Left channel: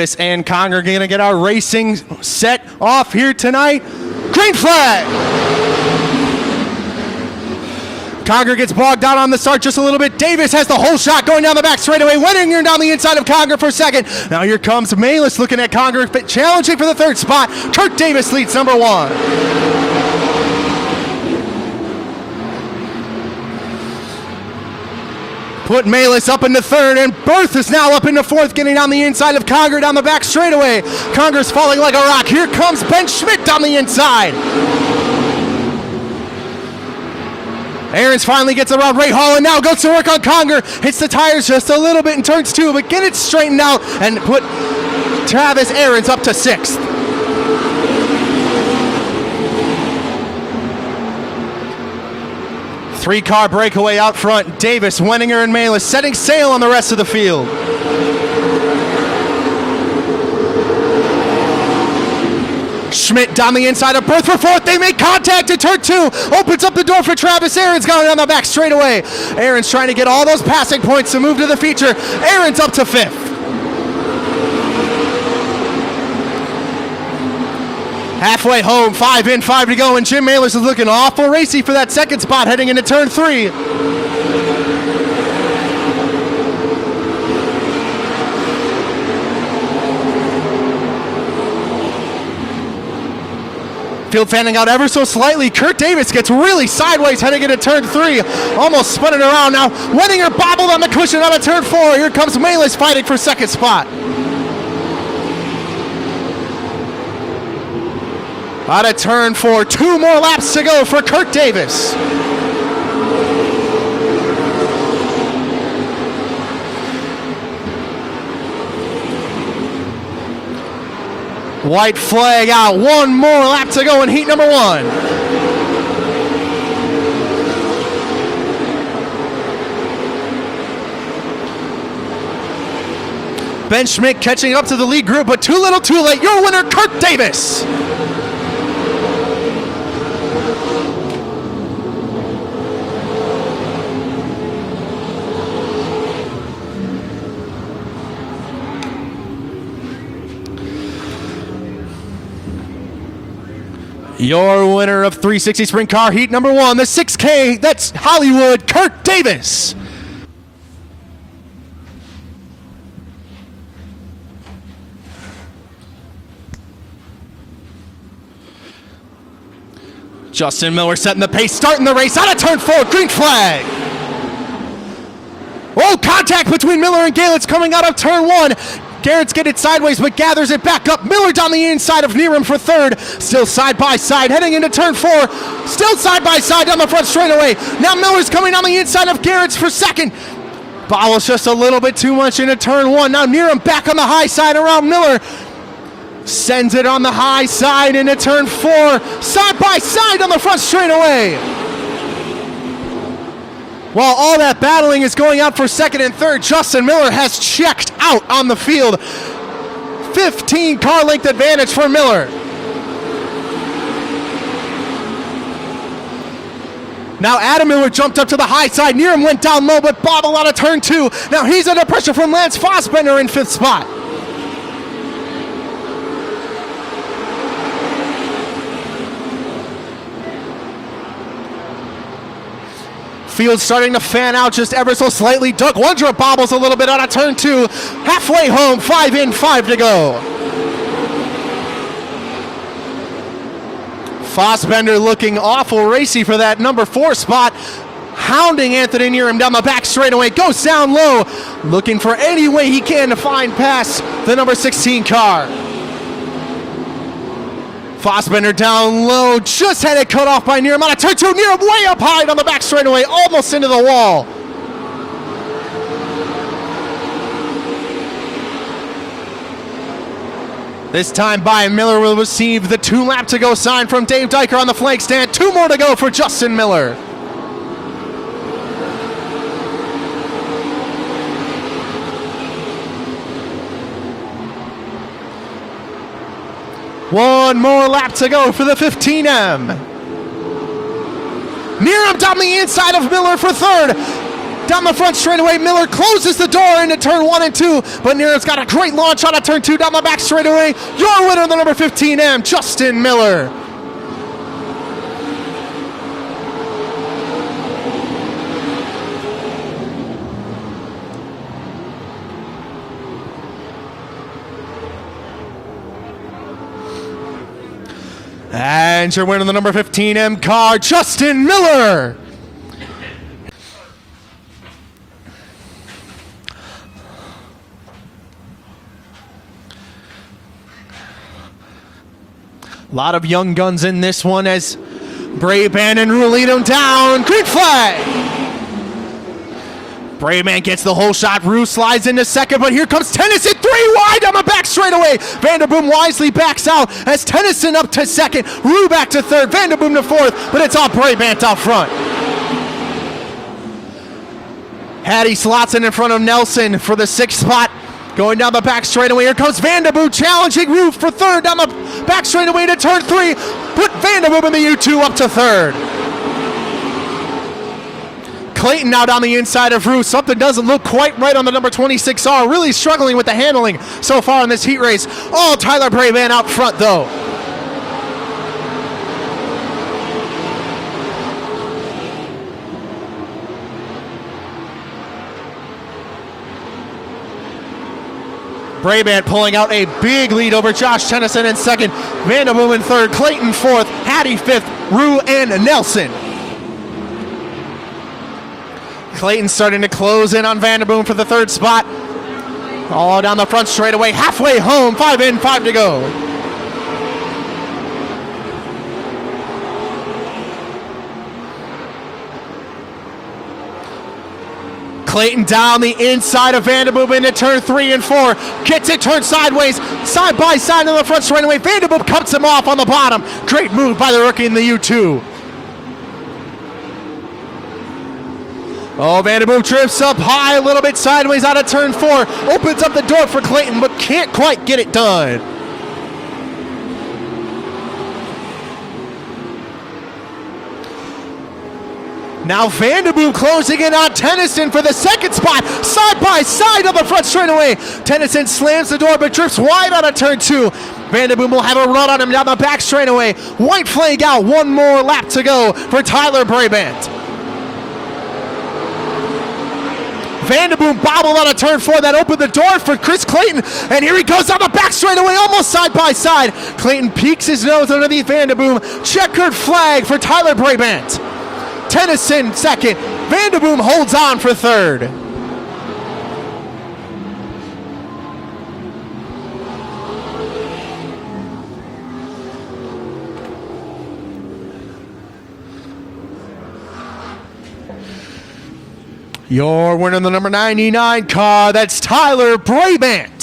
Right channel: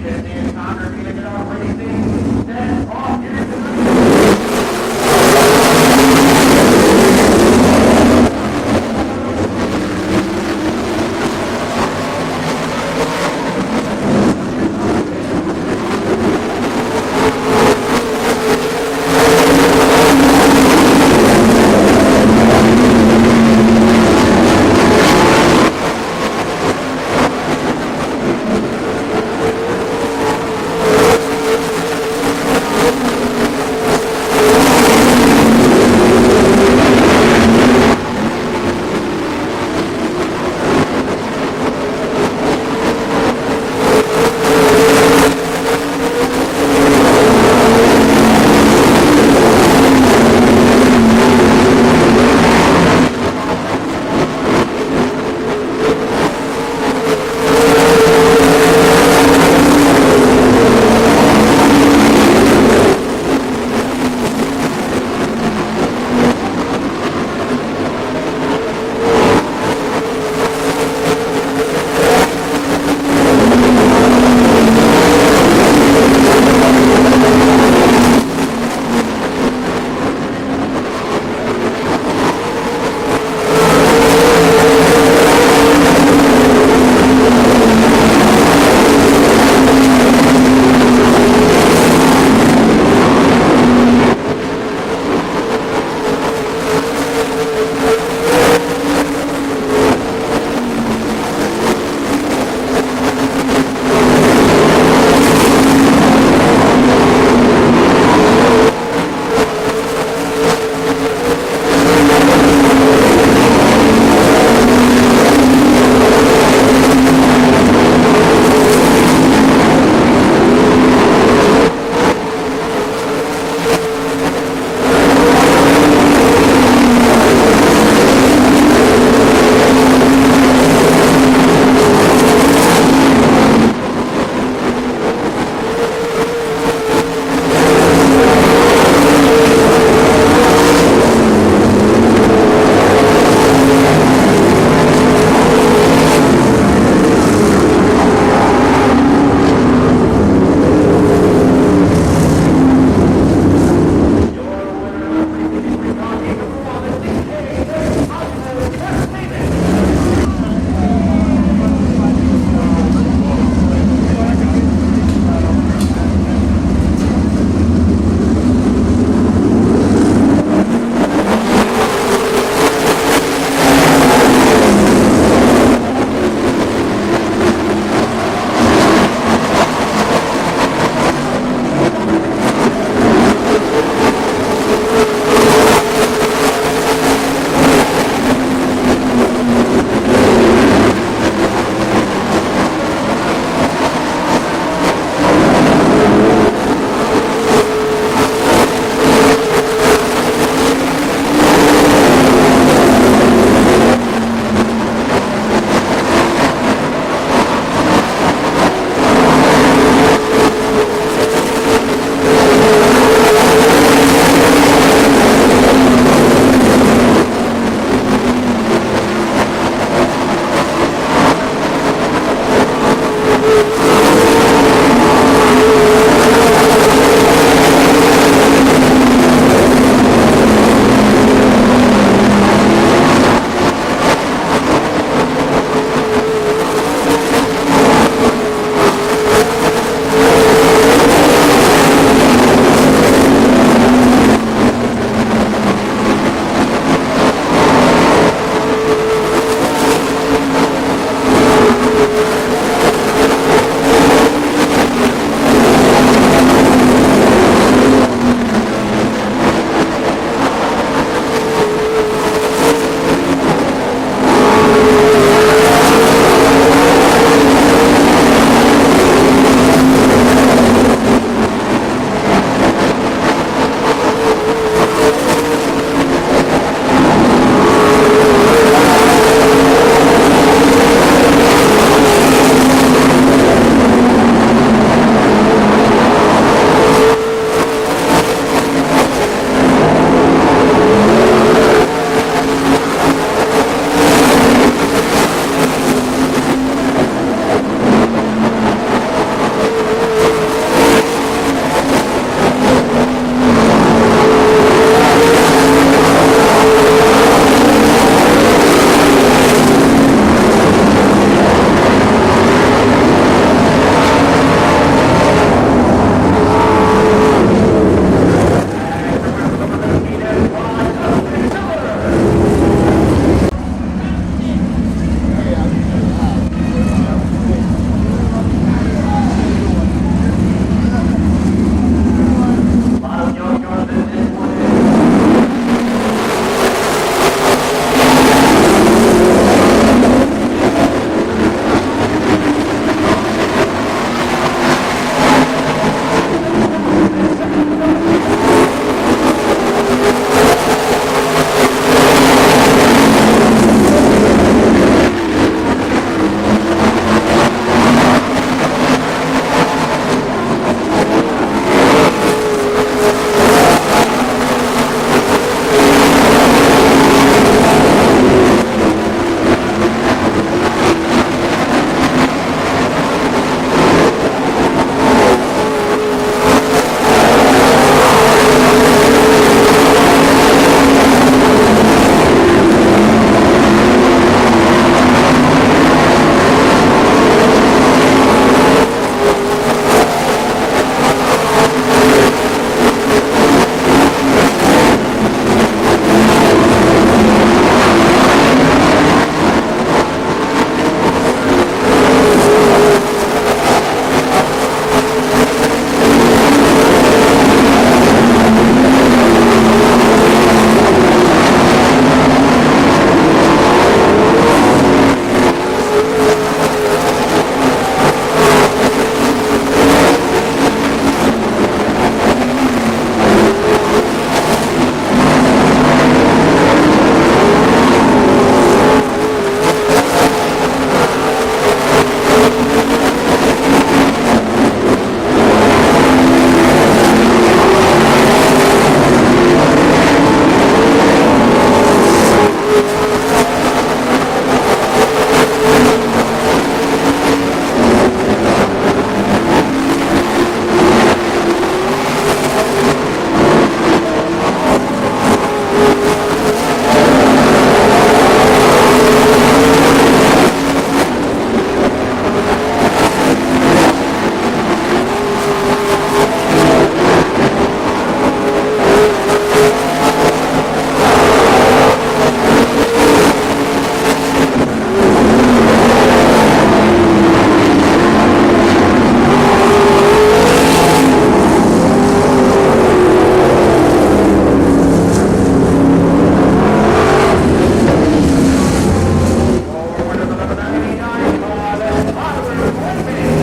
Davis and Conger are going to get our racing set off here tonight. Green flag! Conger gets bogged out on the start just a little bit. Davis has the whole shot going down the back straightaway. Wenninger down the inside of Conger for second. Now here comes Malis looking at Conger, challenging for the third spot. Kurt Davis leads number one. Put Malis up into third, and Berth is now up into fourth, getting on the inside of Conger down the back straightaway. Conger's falling like a rock. Here comes Ben Schmidt down the inside. Aarons finally gets around Ray Hall and now goes to work on Conger. Hits the tires just a little bit in turns two, but get it straightened out and put Travis Aarons up to sixth. Three-car breakaway out front. Davis, Wenninger, and Malis setting sail on the rest of the field. Schmidt down the inside of Berth for fourth. They make contact at turn two. Opens up the door for Travis Aarons going down the back straightaway. Aarons trying to get all those passing points to move to the feature. Aarons up to fifth. Halfway home, 5 in, 5 to go, and Jim Malis is looking awful racy for that second spot heading into turn three. Fanning out ever so slightly. Kurt Davis gets really sideways heading into turn three. Almost spun it around now. Wenninger bobbled on the cushion out of turn four. Here comes Malis fighting for second spot. Out of turn four. 2 more laps to go for Kurt Davis. White flag out. 1 more lap to go in heat number one. Ben Schmidt catching up to the lead group, but too little too late. Your winner, Kurt Davis. Your winner of 360 Sprint Car Heat number one, the 6K, that's Hollywood, Kurt Davis. Justin Miller setting the pace, starting the race out of turn four, green flag. Oh, contact between Miller and Galetz coming out of turn one. Garrett's getting sideways, but gathers it back up. Miller's on the inside of Nieram for third. Still side by side, heading into turn four. Still side by side down the front straightaway. Now Miller's coming on the inside of Garrett's for second. Follows just a little bit too much into turn one. Now Nieram back on the high side around Miller. Sends it on the high side into turn four. Side by side on the front straightaway. While all that battling is going up for second and third, Justin Miller has checked out on the field. 15 car length advantage for Miller. Now Adam Miller jumped up to the high side. Nieram went down low but bobbled out of turn two. Now he's under pressure from Lance Fossbender in fifth spot. Starting to fan out just ever so slightly. Doug Wondrop bobbles a little bit out of turn two. Halfway home, 5 in, 5 to go. Fossbender looking awful racy for that number 4 spot. Hounding Anthony Nieram down the back straightaway. Goes down low. Looking for any way he can to find past the number 16 car. Fossbender down low, just had it cut off by Nieram. On a turn two, Nieram way up high on the back straightaway, almost into the wall. This time by Miller will receive the 2 lap to go sign from Dave Dyker on the flank stand. 2 more to go for Justin Miller. For the 15M. Nieram down the inside of Miller for third. the front straightaway. Miller closes the door into turn 1 and 2, but Nieram's got a great launch out of turn 2 down the And your winner, the number 15 M car, Justin Miller. A lot of young guns in this one as Gray Band and Rulino down. Green flag. Gray Man gets the whole shot. Bruce slides into second, but here comes Tennyson. 3 wide on the back straightaway. Vanderboom wisely backs out as Tennyson up to second. Rue back to third. Vanderboom to fourth, but it's off Gray Man's up front. Patty slots in front of Nelson for the 6th spot. Going down the back straightaway. Here comes Vanderboom challenging Rue for third down the back straightaway to turn 3. With Vanderboom in the U2 up to third. Clayton out on the inside of Rue. Something doesn't look quite right on the number 26R. Really struggling with the handling so far in this heat race. Oh, Tyler Gray Van out front though. Gray Man pulling out a big lead over Josh Tennyson in second. Vanderboom in third. Clayton fourth. Patty fifth. Rue and Nelson. Starting to close in on Vanderboom for the 3rd spot. All down the front straightaway, halfway home, 5 in, 5 to go. Clayton down the inside of Vanderboom into turn 3 and 4. Gets it, turns sideways, side by side on the front straightaway. Vanderboom cuts him off on the bottom. Great move by the rookie in the U2. Vanderboom trips up high, a little bit sideways out of turn 4. Opens up the door for Clayton, but can't quite get it done. Now Vanderboom closing in on Tennyson for the 2nd spot. Side by side on the front straightaway. Tennyson slams the door, but drips wide out of turn 2. Vanderboom will have a run on him down the back straightaway. White flag out, 1 more lap to go for Tyler Brabant. Vanderboom bobbled on a turn 4 that opened the door for Chris Clayton, and here he goes on the back straightaway, almost side by side. Clayton peeks his nose underneath Vanderboom. Checkered flag for Tyler Brabant. Tennyson second. Vanderboom holds on for third. The number 99 car, that's Tyler Brabant.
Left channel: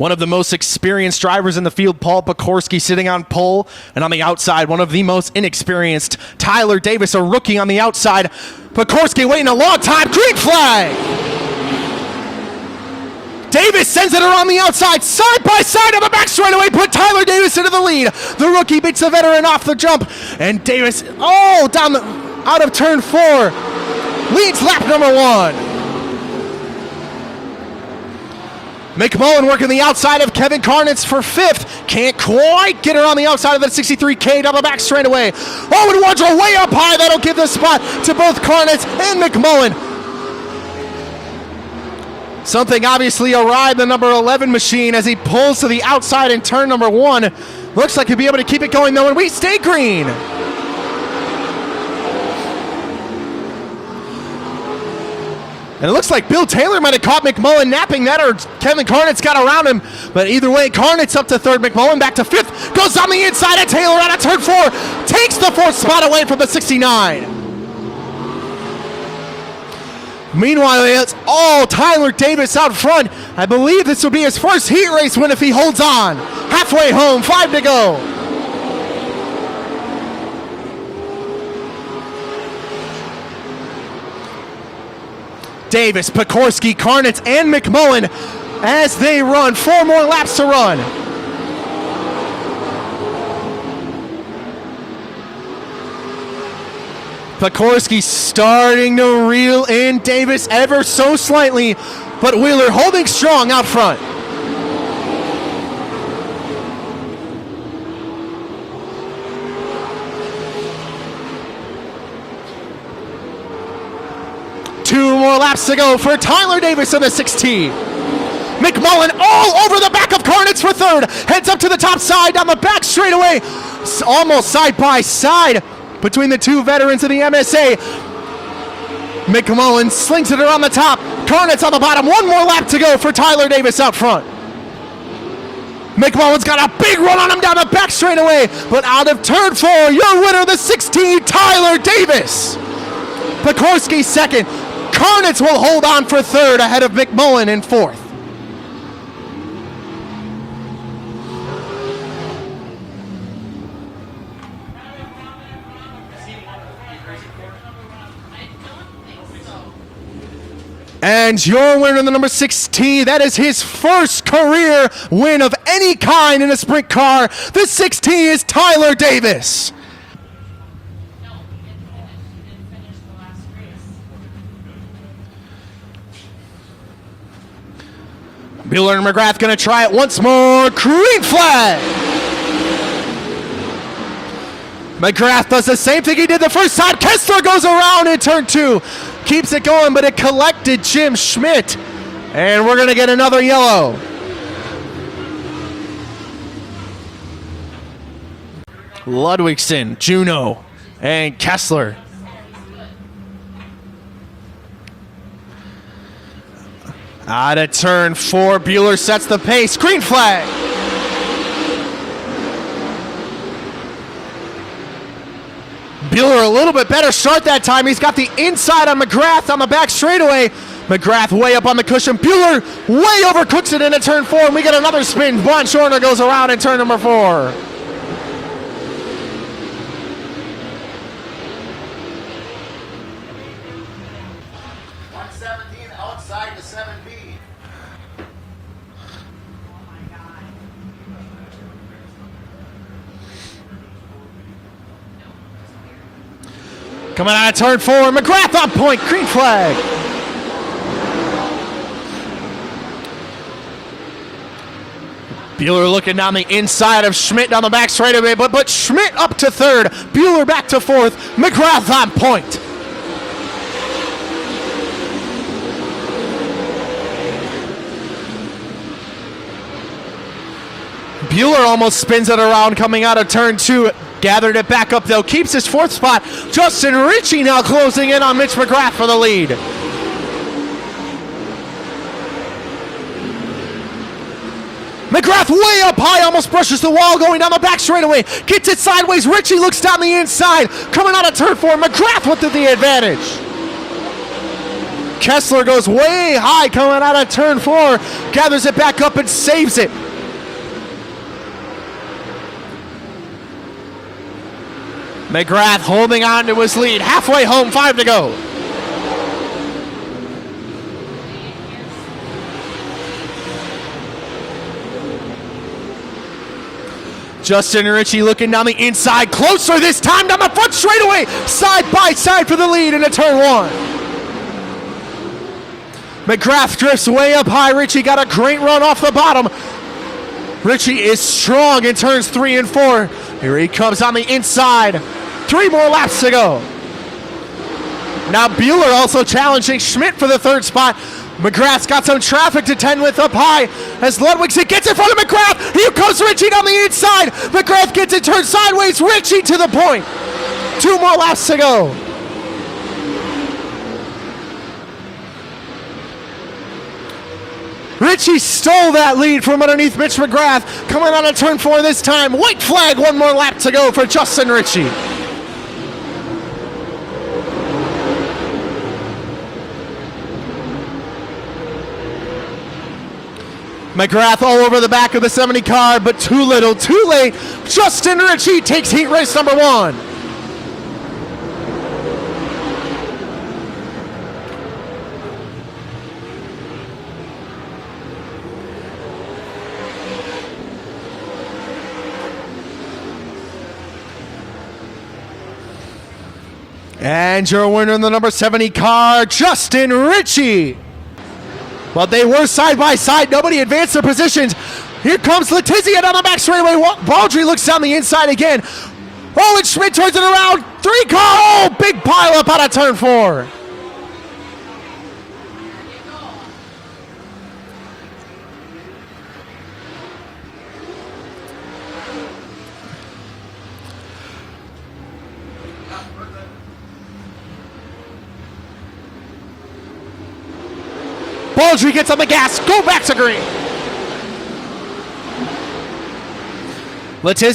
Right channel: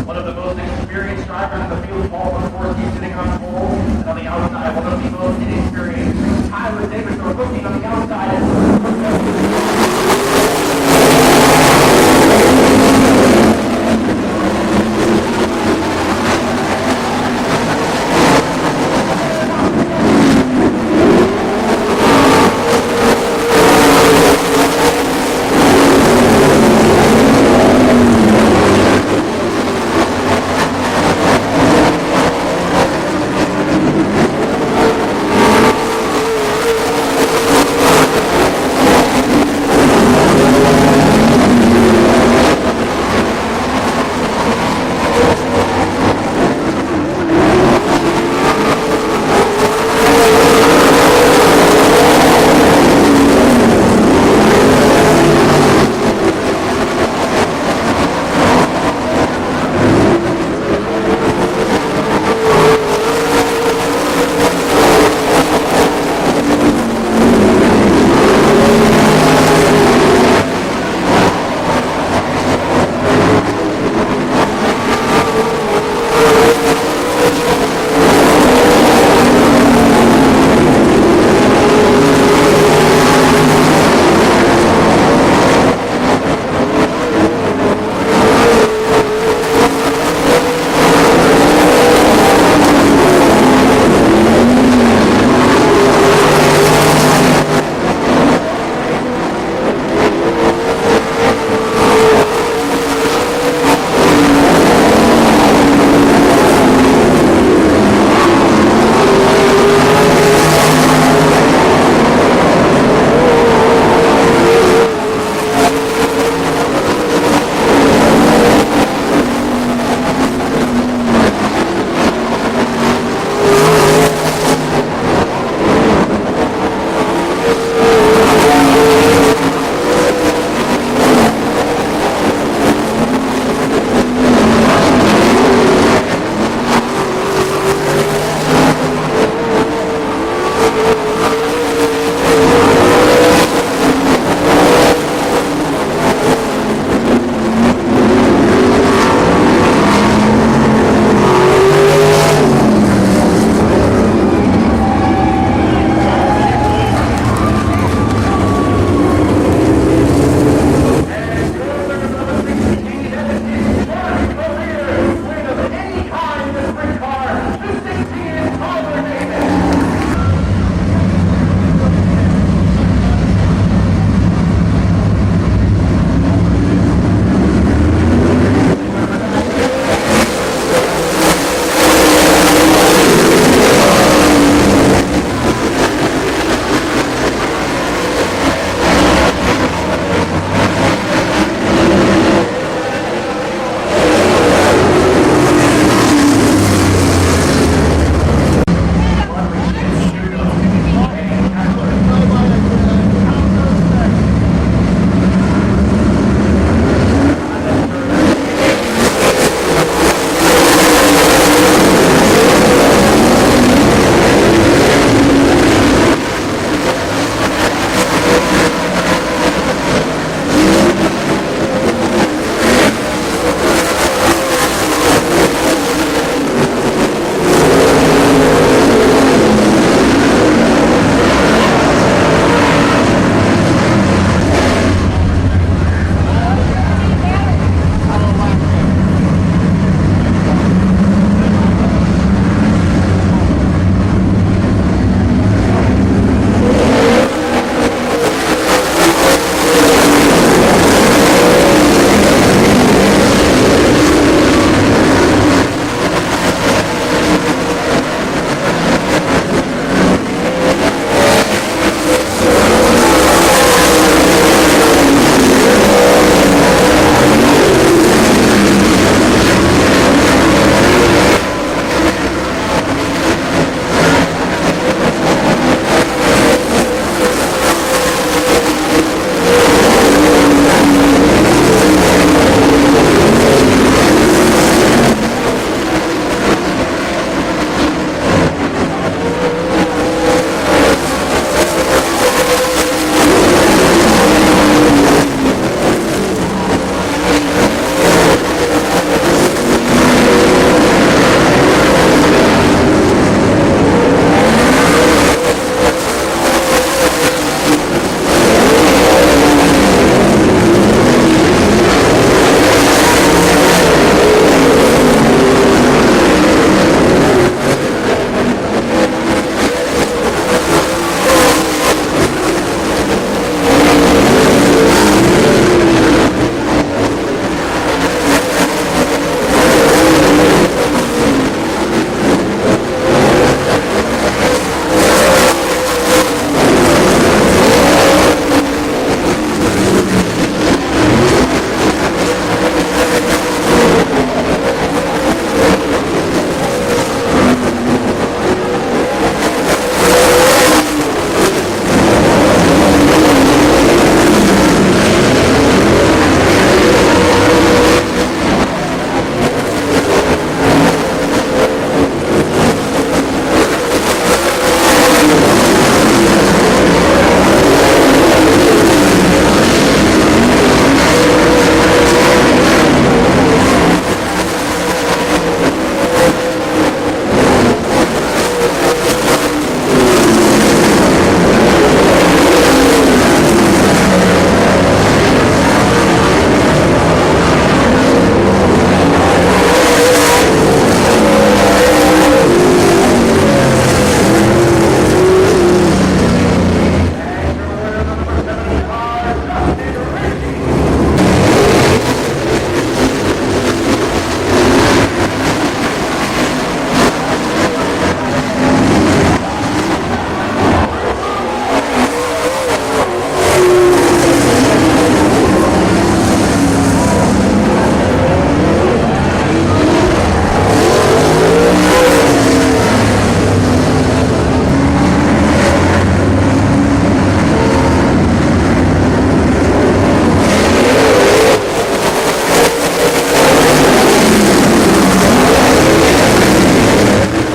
One of the most experienced drivers in the field, Paul Pekorski, sitting on pole, and on the outside, one of the most inexperienced, Tyler Davis, a rookie on the outside. Pekorski waiting a long time, green flag. Davis sends it around the outside, side by side on the back straightaway, put Tyler Davis into the lead. The rookie beats the veteran off the jump, and Davis all down the out of turn 4 leads lap number 1. McMullen working the outside of Kevin Karnitz for 5th. Can't quite get her on the outside of the 63K down the back straightaway. Owen Wardrow way up high. That'll give the spot to both Karnitz and McMullen. Something obviously awry the number 11 machine as he pulls to the outside in turn number 1. Looks like he'll be able to keep it going though. We stay green. It looks like Bill Taylor might have caught McMullen napping that, or Kevin Karnitz got around him. But either way, Karnitz up to 3rd, McMullen back to 5th. Goes on the inside of Taylor out of turn 4. Takes the 4th spot away from the 69. Meanwhile, it's all Tyler Davis out front. I believe this will be his first heat race win if he holds on. Halfway home, 5 to go. Davis, Pekorski, Karnitz, and McMullen as they run. 4 more laps to run. Pekorski starting to reel in Davis ever so slightly, but Wheeler holding strong out front. Two more laps to go for Tyler Davis of the 16. the top side, down the back straightaway. Almost side by side between the two veterans of the MSA. McMullen slings it around the top. Garnett's on the bottom. One more lap to go for Tyler Davis up front. McMullen's got a big run on him down the back straightaway. But out of turn 4, your winner, the 16, Tyler Davis. Sikorsky second. Garnett's will hold on for third ahead of McMullen in fourth. And your winner, the number 16, that is his first career win of any kind in a sprint car. The 16 is Tyler Davis. Mueller and McGrath gonna try it once more. Green flag. McGrath does the same thing he did the first time. Kessler goes around in turn 2. Keeps it going, but it collected Jim Schmidt. And we're going to get another yellow. Ludwigsen, Juno, and Kessler. Out of turn 4, Bueller sets the pace. Green flag. A little bit better start that time. He's got the inside on McGrath on the back straightaway. McGrath way up on the cushion. Bueller way overcooks it into turn 4. We get another spin. Von Shorter goes around in turn number 4. McGrath on point, green flag. Bueller looking down the inside of Schmidt on the back straightaway, but put Schmidt up to third. Bueller back to fourth. McGrath on point. Almost spins it around coming out of turn 2. Gathered it back up though. Keeps his fourth spot. Justin Ritchie now closing in on Mitch McGrath for the lead. McGrath way up high, almost brushes the wall going down the back straightaway. Gets it sideways. Ritchie looks down the inside. Coming out of turn 4. McGrath with the advantage. Kessler goes way high coming out of turn 4. Gathers it back up and saves it. McGrath holding on to his lead. Halfway home, 5 to go. Justin Ritchie looking down the inside. Closer this time down the front straightaway. Side by side for the lead into turn 1. McGrath drifts way up high. Ritchie got a great run off the bottom. Ritchie is strong in turns 3 and 4. Here he comes on the inside. 3 more laps to go. Now Bueller also challenging Schmidt for the third spot. McGrath's got some traffic to tend with up high. As Ludwigsen gets in front of McGrath. Here comes Ritchie on the inside. McGrath gets it turned sideways. Ritchie to the point. 2 more laps to go. Ritchie stole that lead from underneath Mitch McGrath. Coming on a turn 4 this time. White flag, 1 more lap to go for Justin Ritchie. McGrath all over the back of the 70 car, but too little, too late. Justin Ritchie takes heat race number 1. Your winner in the number 70 car, Justin Ritchie. But they were side by side. Nobody advanced their positions. Here comes Letizia down the back straightaway. Baldry looks down the inside again. Oh, and Schmidt turns it around. 3 car. Oh, big pile up out of turn 4.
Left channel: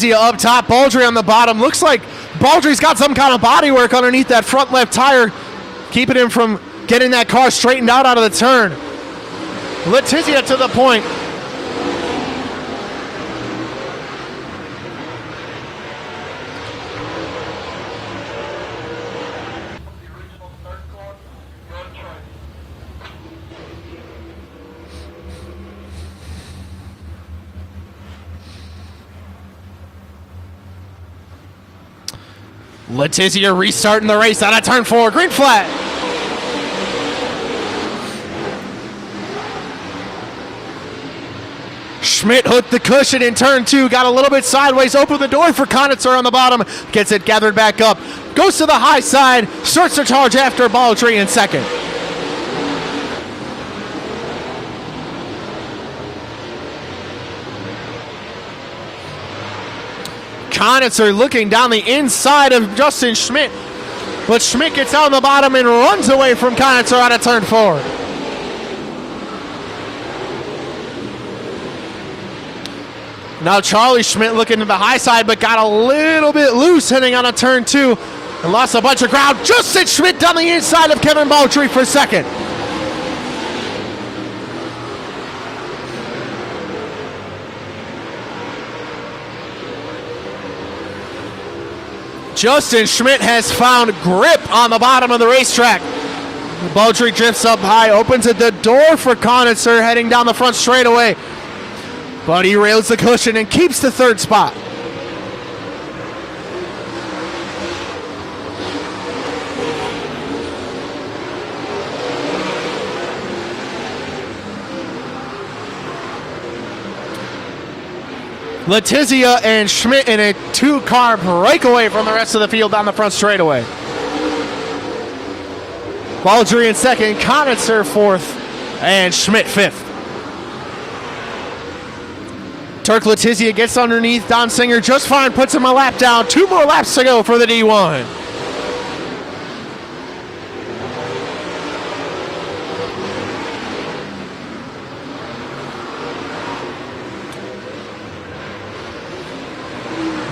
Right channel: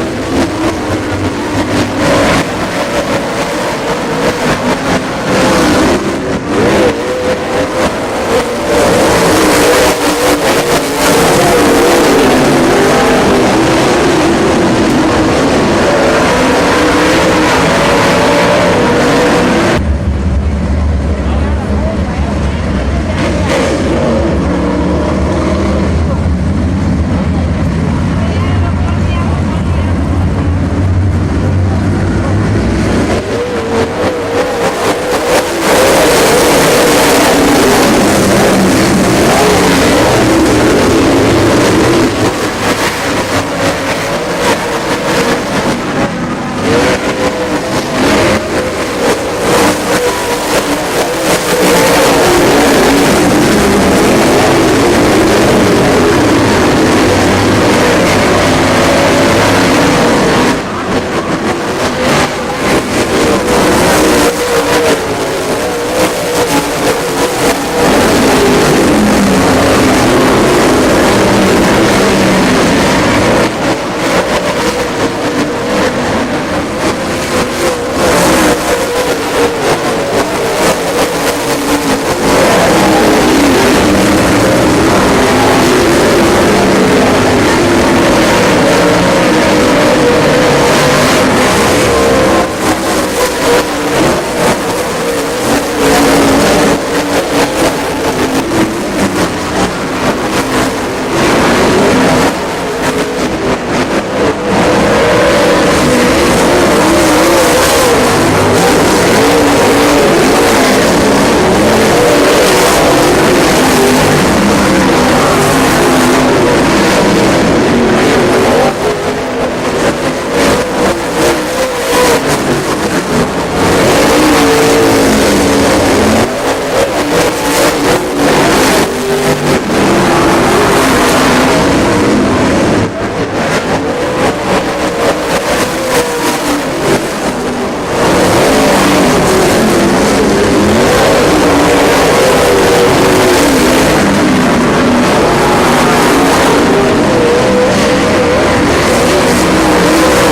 Letizia up top, Baldry on the bottom. Looks like Baldry's got some kind of body work underneath that front left tire, keeping him from getting that car straightened out of the turn. Letizia to the point. Letizia restarting the race out of turn 4, green flag. Schmidt hooked the cushion in turn 2, got a little bit sideways, opened the door for Pdtr on the bottom, gets it gathered back up, goes to the high side, starts to charge after Baldry in second. Pdtr looking down the inside of Justin Schmidt, but Schmidt gets down the bottom and runs away from Pdtr on a turn 4. Now Charlie Schmidt looking at the high side, but got a little bit loose heading on a turn 2. Lost a bunch of ground. Justin Schmidt down the inside of Kevin Baldry for second. Justin Schmidt has found grip on the bottom of the racetrack. Baldry drifts up high, opens the door for Pdtr heading down the front straightaway. But he rails the cushion and keeps the third spot. Letizia and Schmidt in a two-car breakaway from the rest of the field on the front straightaway. Baldry in second, Pdtr fourth, and Schmidt fifth. Turk Letizia gets underneath Don Singer just fine, puts him a lap down. 2 more laps to go for the D1.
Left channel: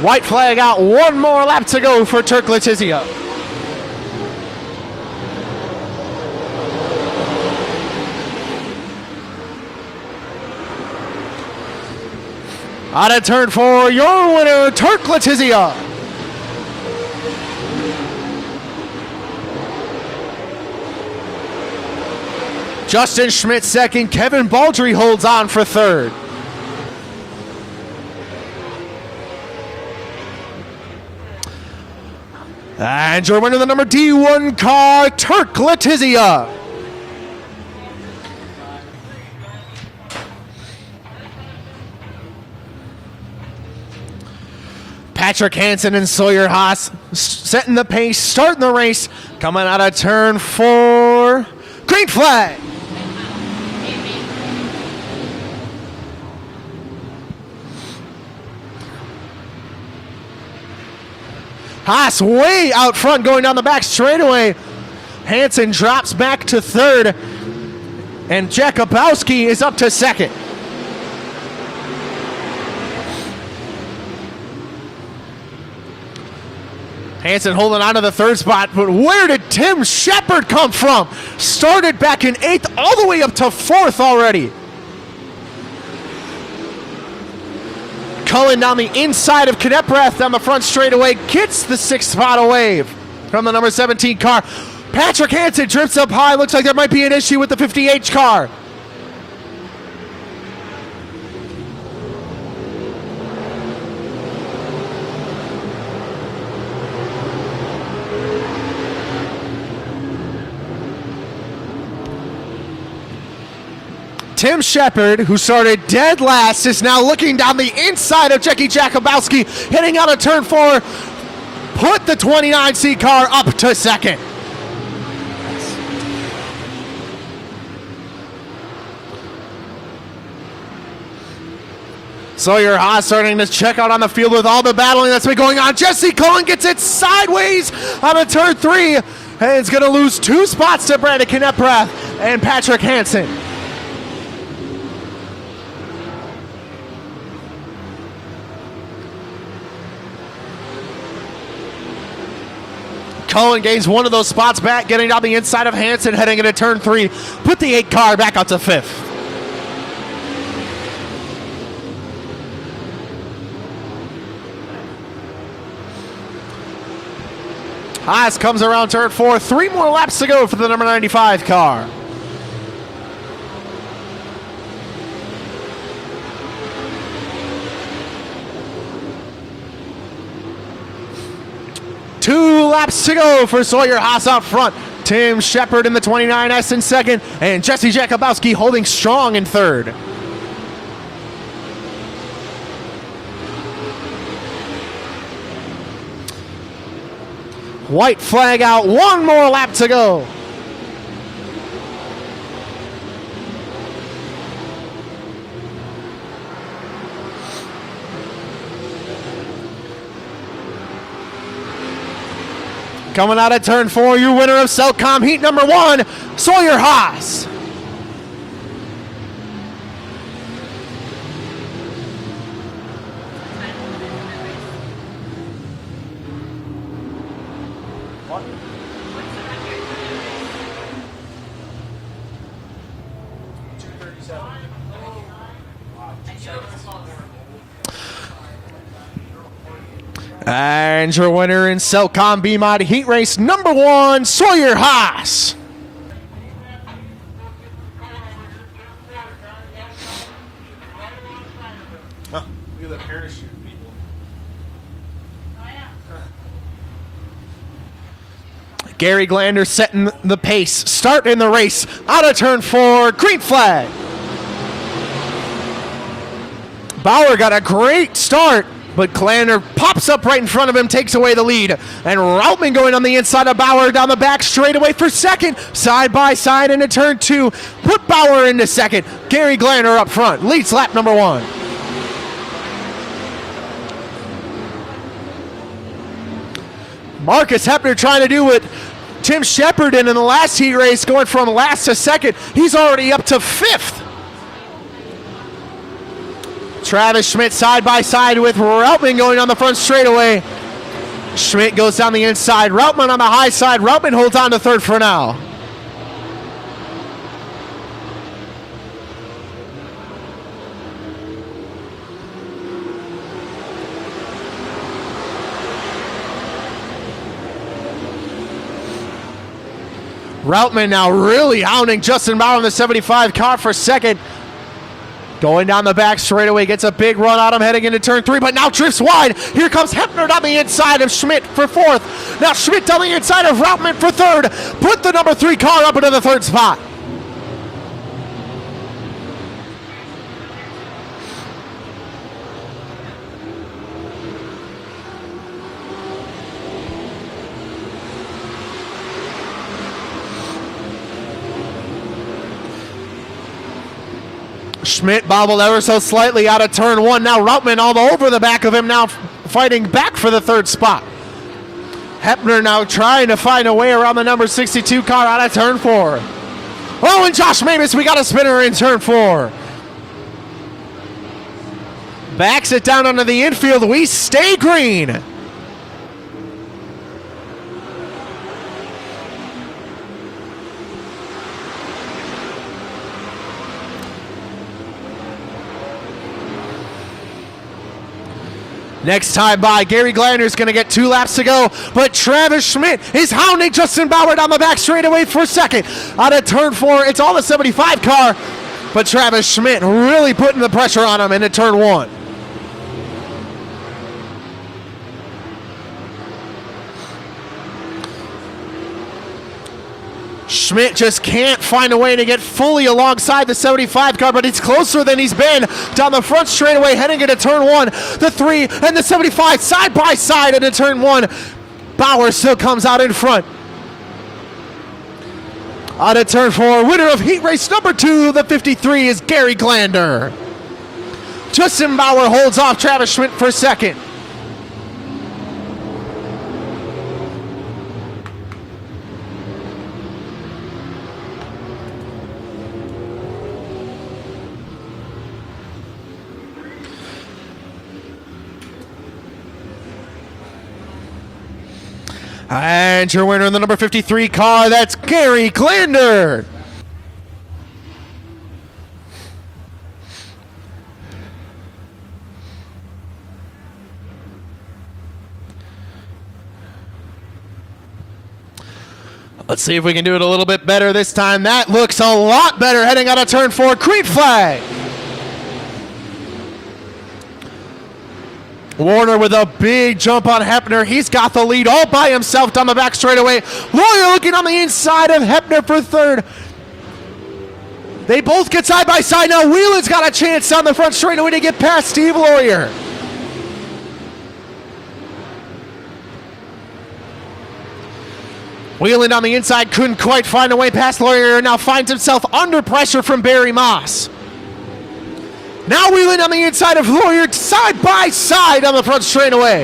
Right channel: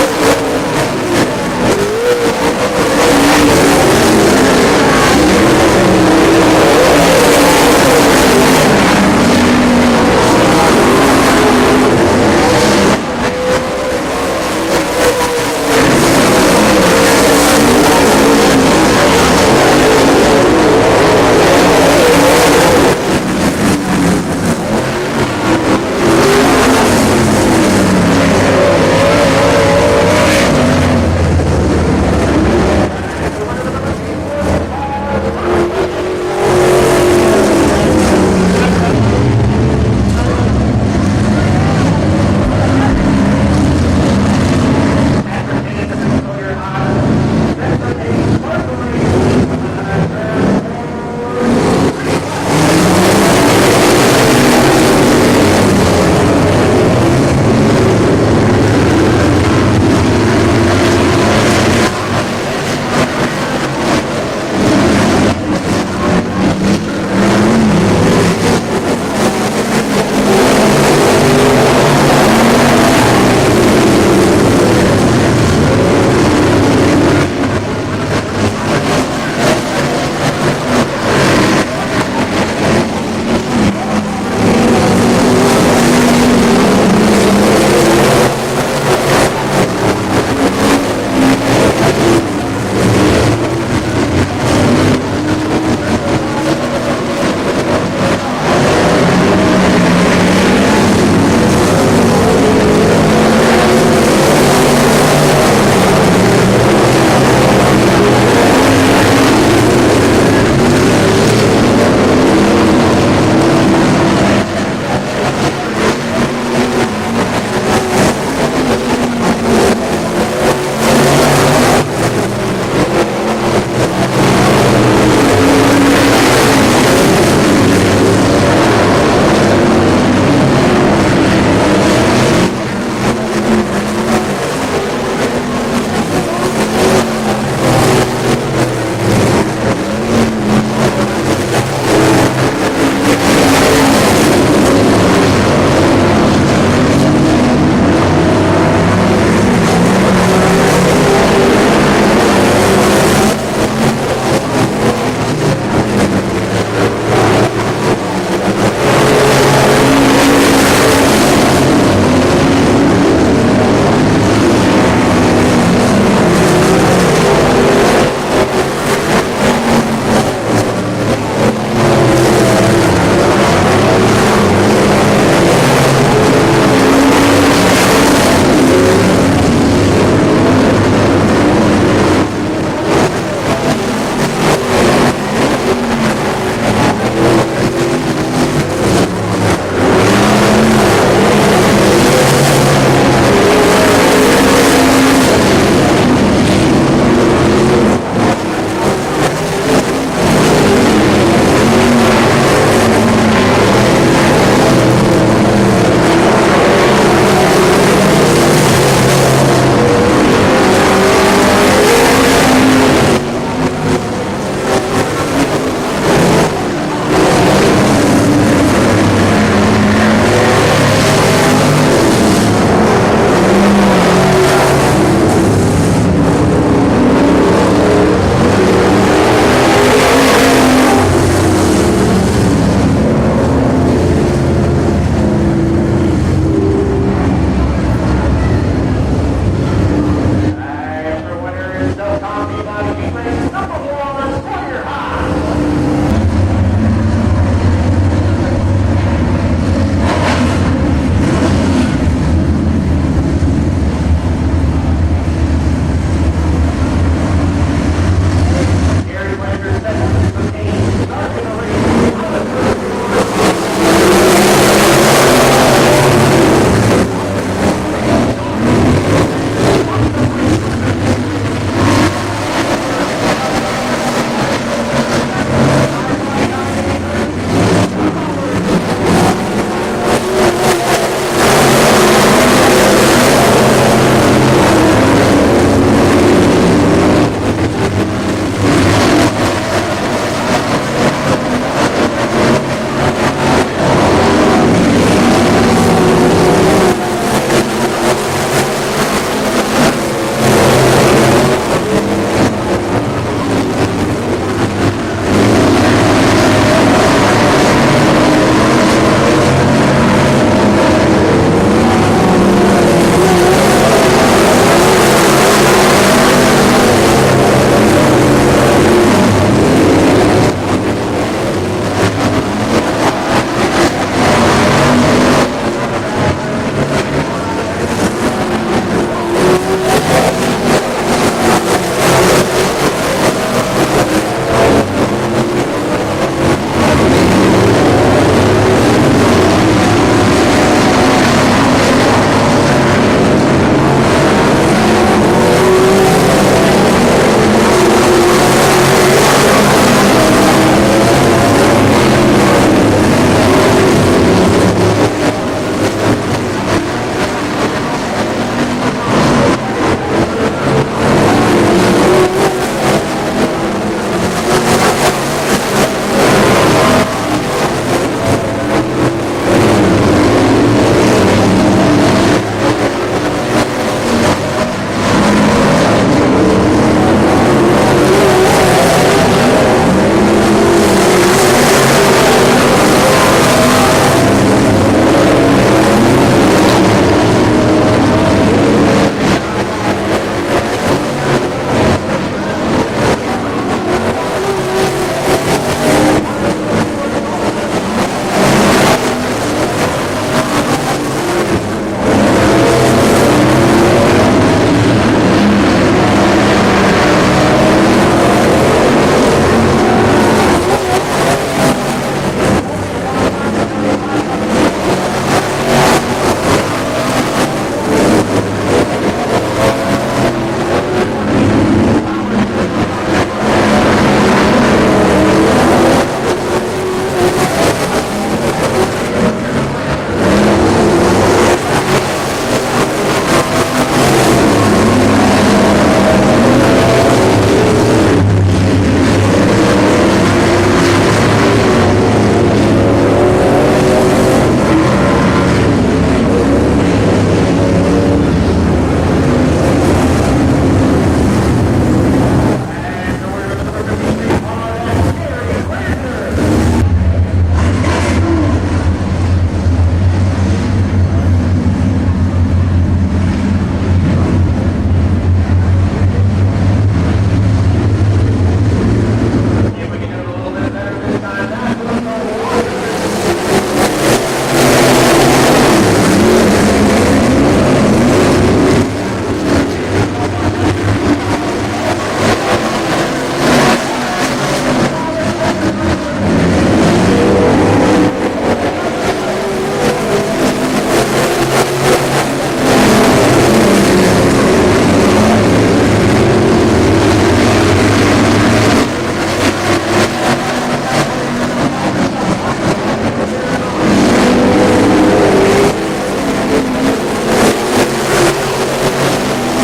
White flag out, 1 more lap to go for Turk Letizia. Out of turn 4, your winner, Turk Letizia. Justin Schmidt second, Kevin Baldry holds on for third. And your winner, the number D1 car, Turk Letizia. Patrick Hansen and Sawyer Haas setting the pace, starting the race, coming out of turn 4. Green flag. Haas way out front going down the back straightaway. Hansen drops back to third, and Jakubowski is up to second. Holding on to the third spot, but where did Tim Shepard come from? Started back in 8th, all the way up to 4th already. Cullen down the inside of Kneprath down the front straightaway, gets the 6th spot away from the number 17 car. Patrick Hansen drifts up high, looks like there might be an issue with the 50H car. Shepard, who started dead last, is now looking down the inside of Jakubowski, heading out of turn 4, put the 29C car up to second. Sawyer Haas starting to check out on the field with all the battling that's been going on. Jesse Cullen gets it sideways out of turn 3, and it's going to lose 2 spots to Brandon Kneprath and Patrick Hansen. Keselowski holding strong in third. White flag out, one more lap to go. Out of turn 4, your winner of Selcom heat number 1, Sawyer Haas. Your winner in Selcom B-Mod Heat Race number 1, Sawyer Haas. Gary Glander setting the pace, starting the race, out of turn 4, green flag. Bauer got a great start, but Glander pops up right in front of him, takes away the lead. And Routman going on the inside of Bauer down the back straightaway for second. Side by side into turn 2. Put Bauer into second. Gary Glander up front, leads lap number 1. Marcus Hepner trying to do what Tim Shepard did in the last heat race, going from last to second. He's already up to 5th. Travis Schmidt side by side with Routman going on the front straightaway. Schmidt goes down the inside. Routman on the high side. Routman holds on to third for now. Routman now really hounding Justin Bauer in the 75 car for second. Going down the back straightaway, gets a big run on him heading into turn 3, but now drifts wide. Here comes Hepner on the inside of Schmidt for 4th. Now Schmidt on the inside of Routman for 3rd. Put the number 3 car up into the 3rd spot. Bobbled ever so slightly out of turn 1. Now Routman all over the back of him, now fighting back for the 3rd spot. Hepner now trying to find a way around the number 62 car out of turn 4. Oh, and Josh Mavis, we got a spinner in turn 4. Backs it down under the infield. We stay green. By Gary Glander is going to get 2 laps to go, but Travis Schmidt is hounding Justin Bauer down the back straightaway for second. Out of turn 4, it's all the 75 car, but Travis Schmidt really putting the pressure on him into turn 1. Schmidt just can't find a way to get fully alongside the 75 car, but it's closer than he's been. Down the front straightaway, heading into turn 1, the 3, and the 75 side by side into turn 1. Bauer still comes out in front. Out of turn 4, winner of heat race number 2, the 53 is Gary Glander. Justin Bauer holds off Travis Schmidt for second. Your winner in the number 53 car, that's Gary Glander. Let's see if we can do it a little bit better this time. That looks a lot better heading on a turn 4, green flag. Warner with a big jump on Hepner. He's got the lead all by himself down the back straightaway. Royer looking on the inside of Hepner for 3rd. They both get side by side now. Wheelan's got a chance down the front straightaway to get past Team Warrior. Wheelan on the inside couldn't quite find a way past Warrior, and now finds himself under pressure from Barry Moss. Now Wheelan on the inside of Warrior, side by side on the front straightaway.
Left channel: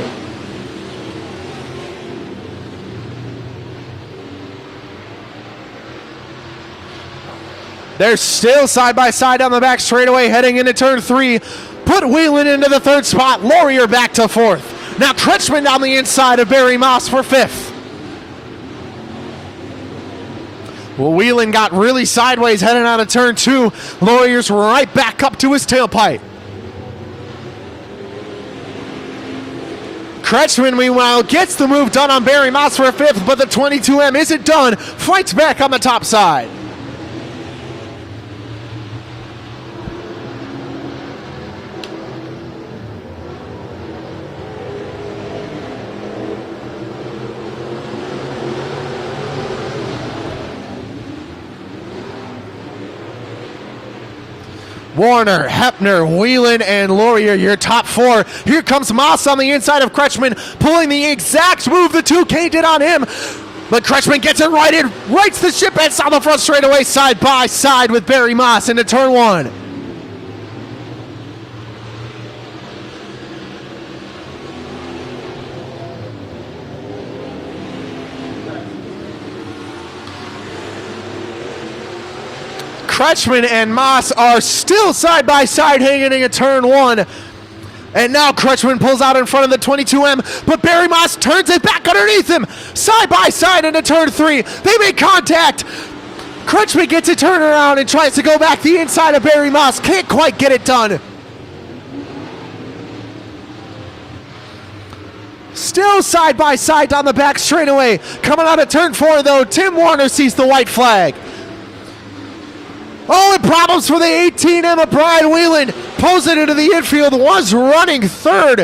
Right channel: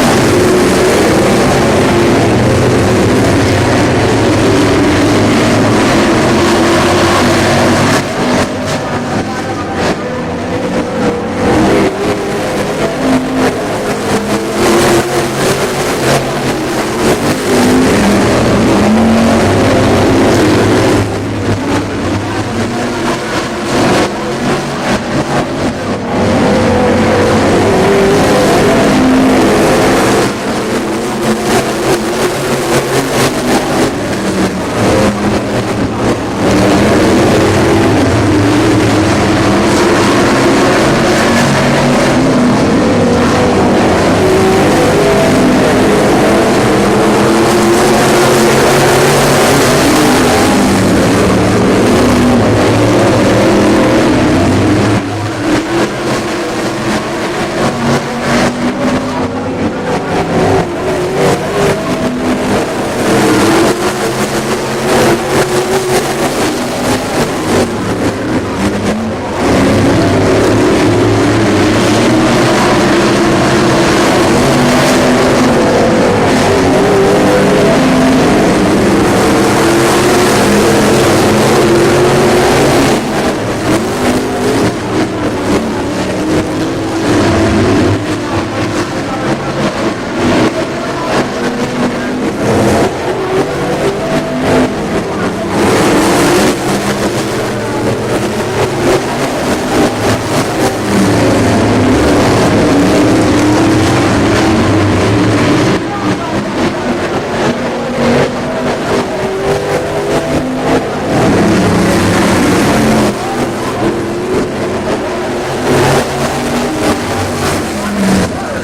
They're still side by side on the back straightaway heading into turn 3. Put Wheelan into the 3rd spot, Warrior back to 4th. Now Kretschmann down the inside of Barry Moss for 5th. Wheelan got really sideways heading out of turn 2. Warrior's right back up to his tailpipe. Kretschmann, meanwhile, gets the move done on Barry Moss for 5th, but the 22M isn't done. Fights back on the top side. Hepner, Wheelan, and Laurier, your top 4. Here comes Moss on the inside of Kretschmann, pulling the exact move the 2K did on him. But Kretschmann gets him right in, breaks the ship and on the front straightaway side by side with Barry Moss into turn 1. And Moss are still side by side hanging in turn 1. And now Kretschmann pulls out in front of the 22M, but Barry Moss turns it back underneath him. Side by side into turn 3. They make contact. Kretschmann gets a turnaround and tries to go back the inside of Barry Moss. Can't quite get it done. Still side by side down the back straightaway. Coming out of turn 4 though, Tim Warner sees the white flag. Problems for the 18M of Brian Wheelan. Pulls it into the infield, was running 3rd.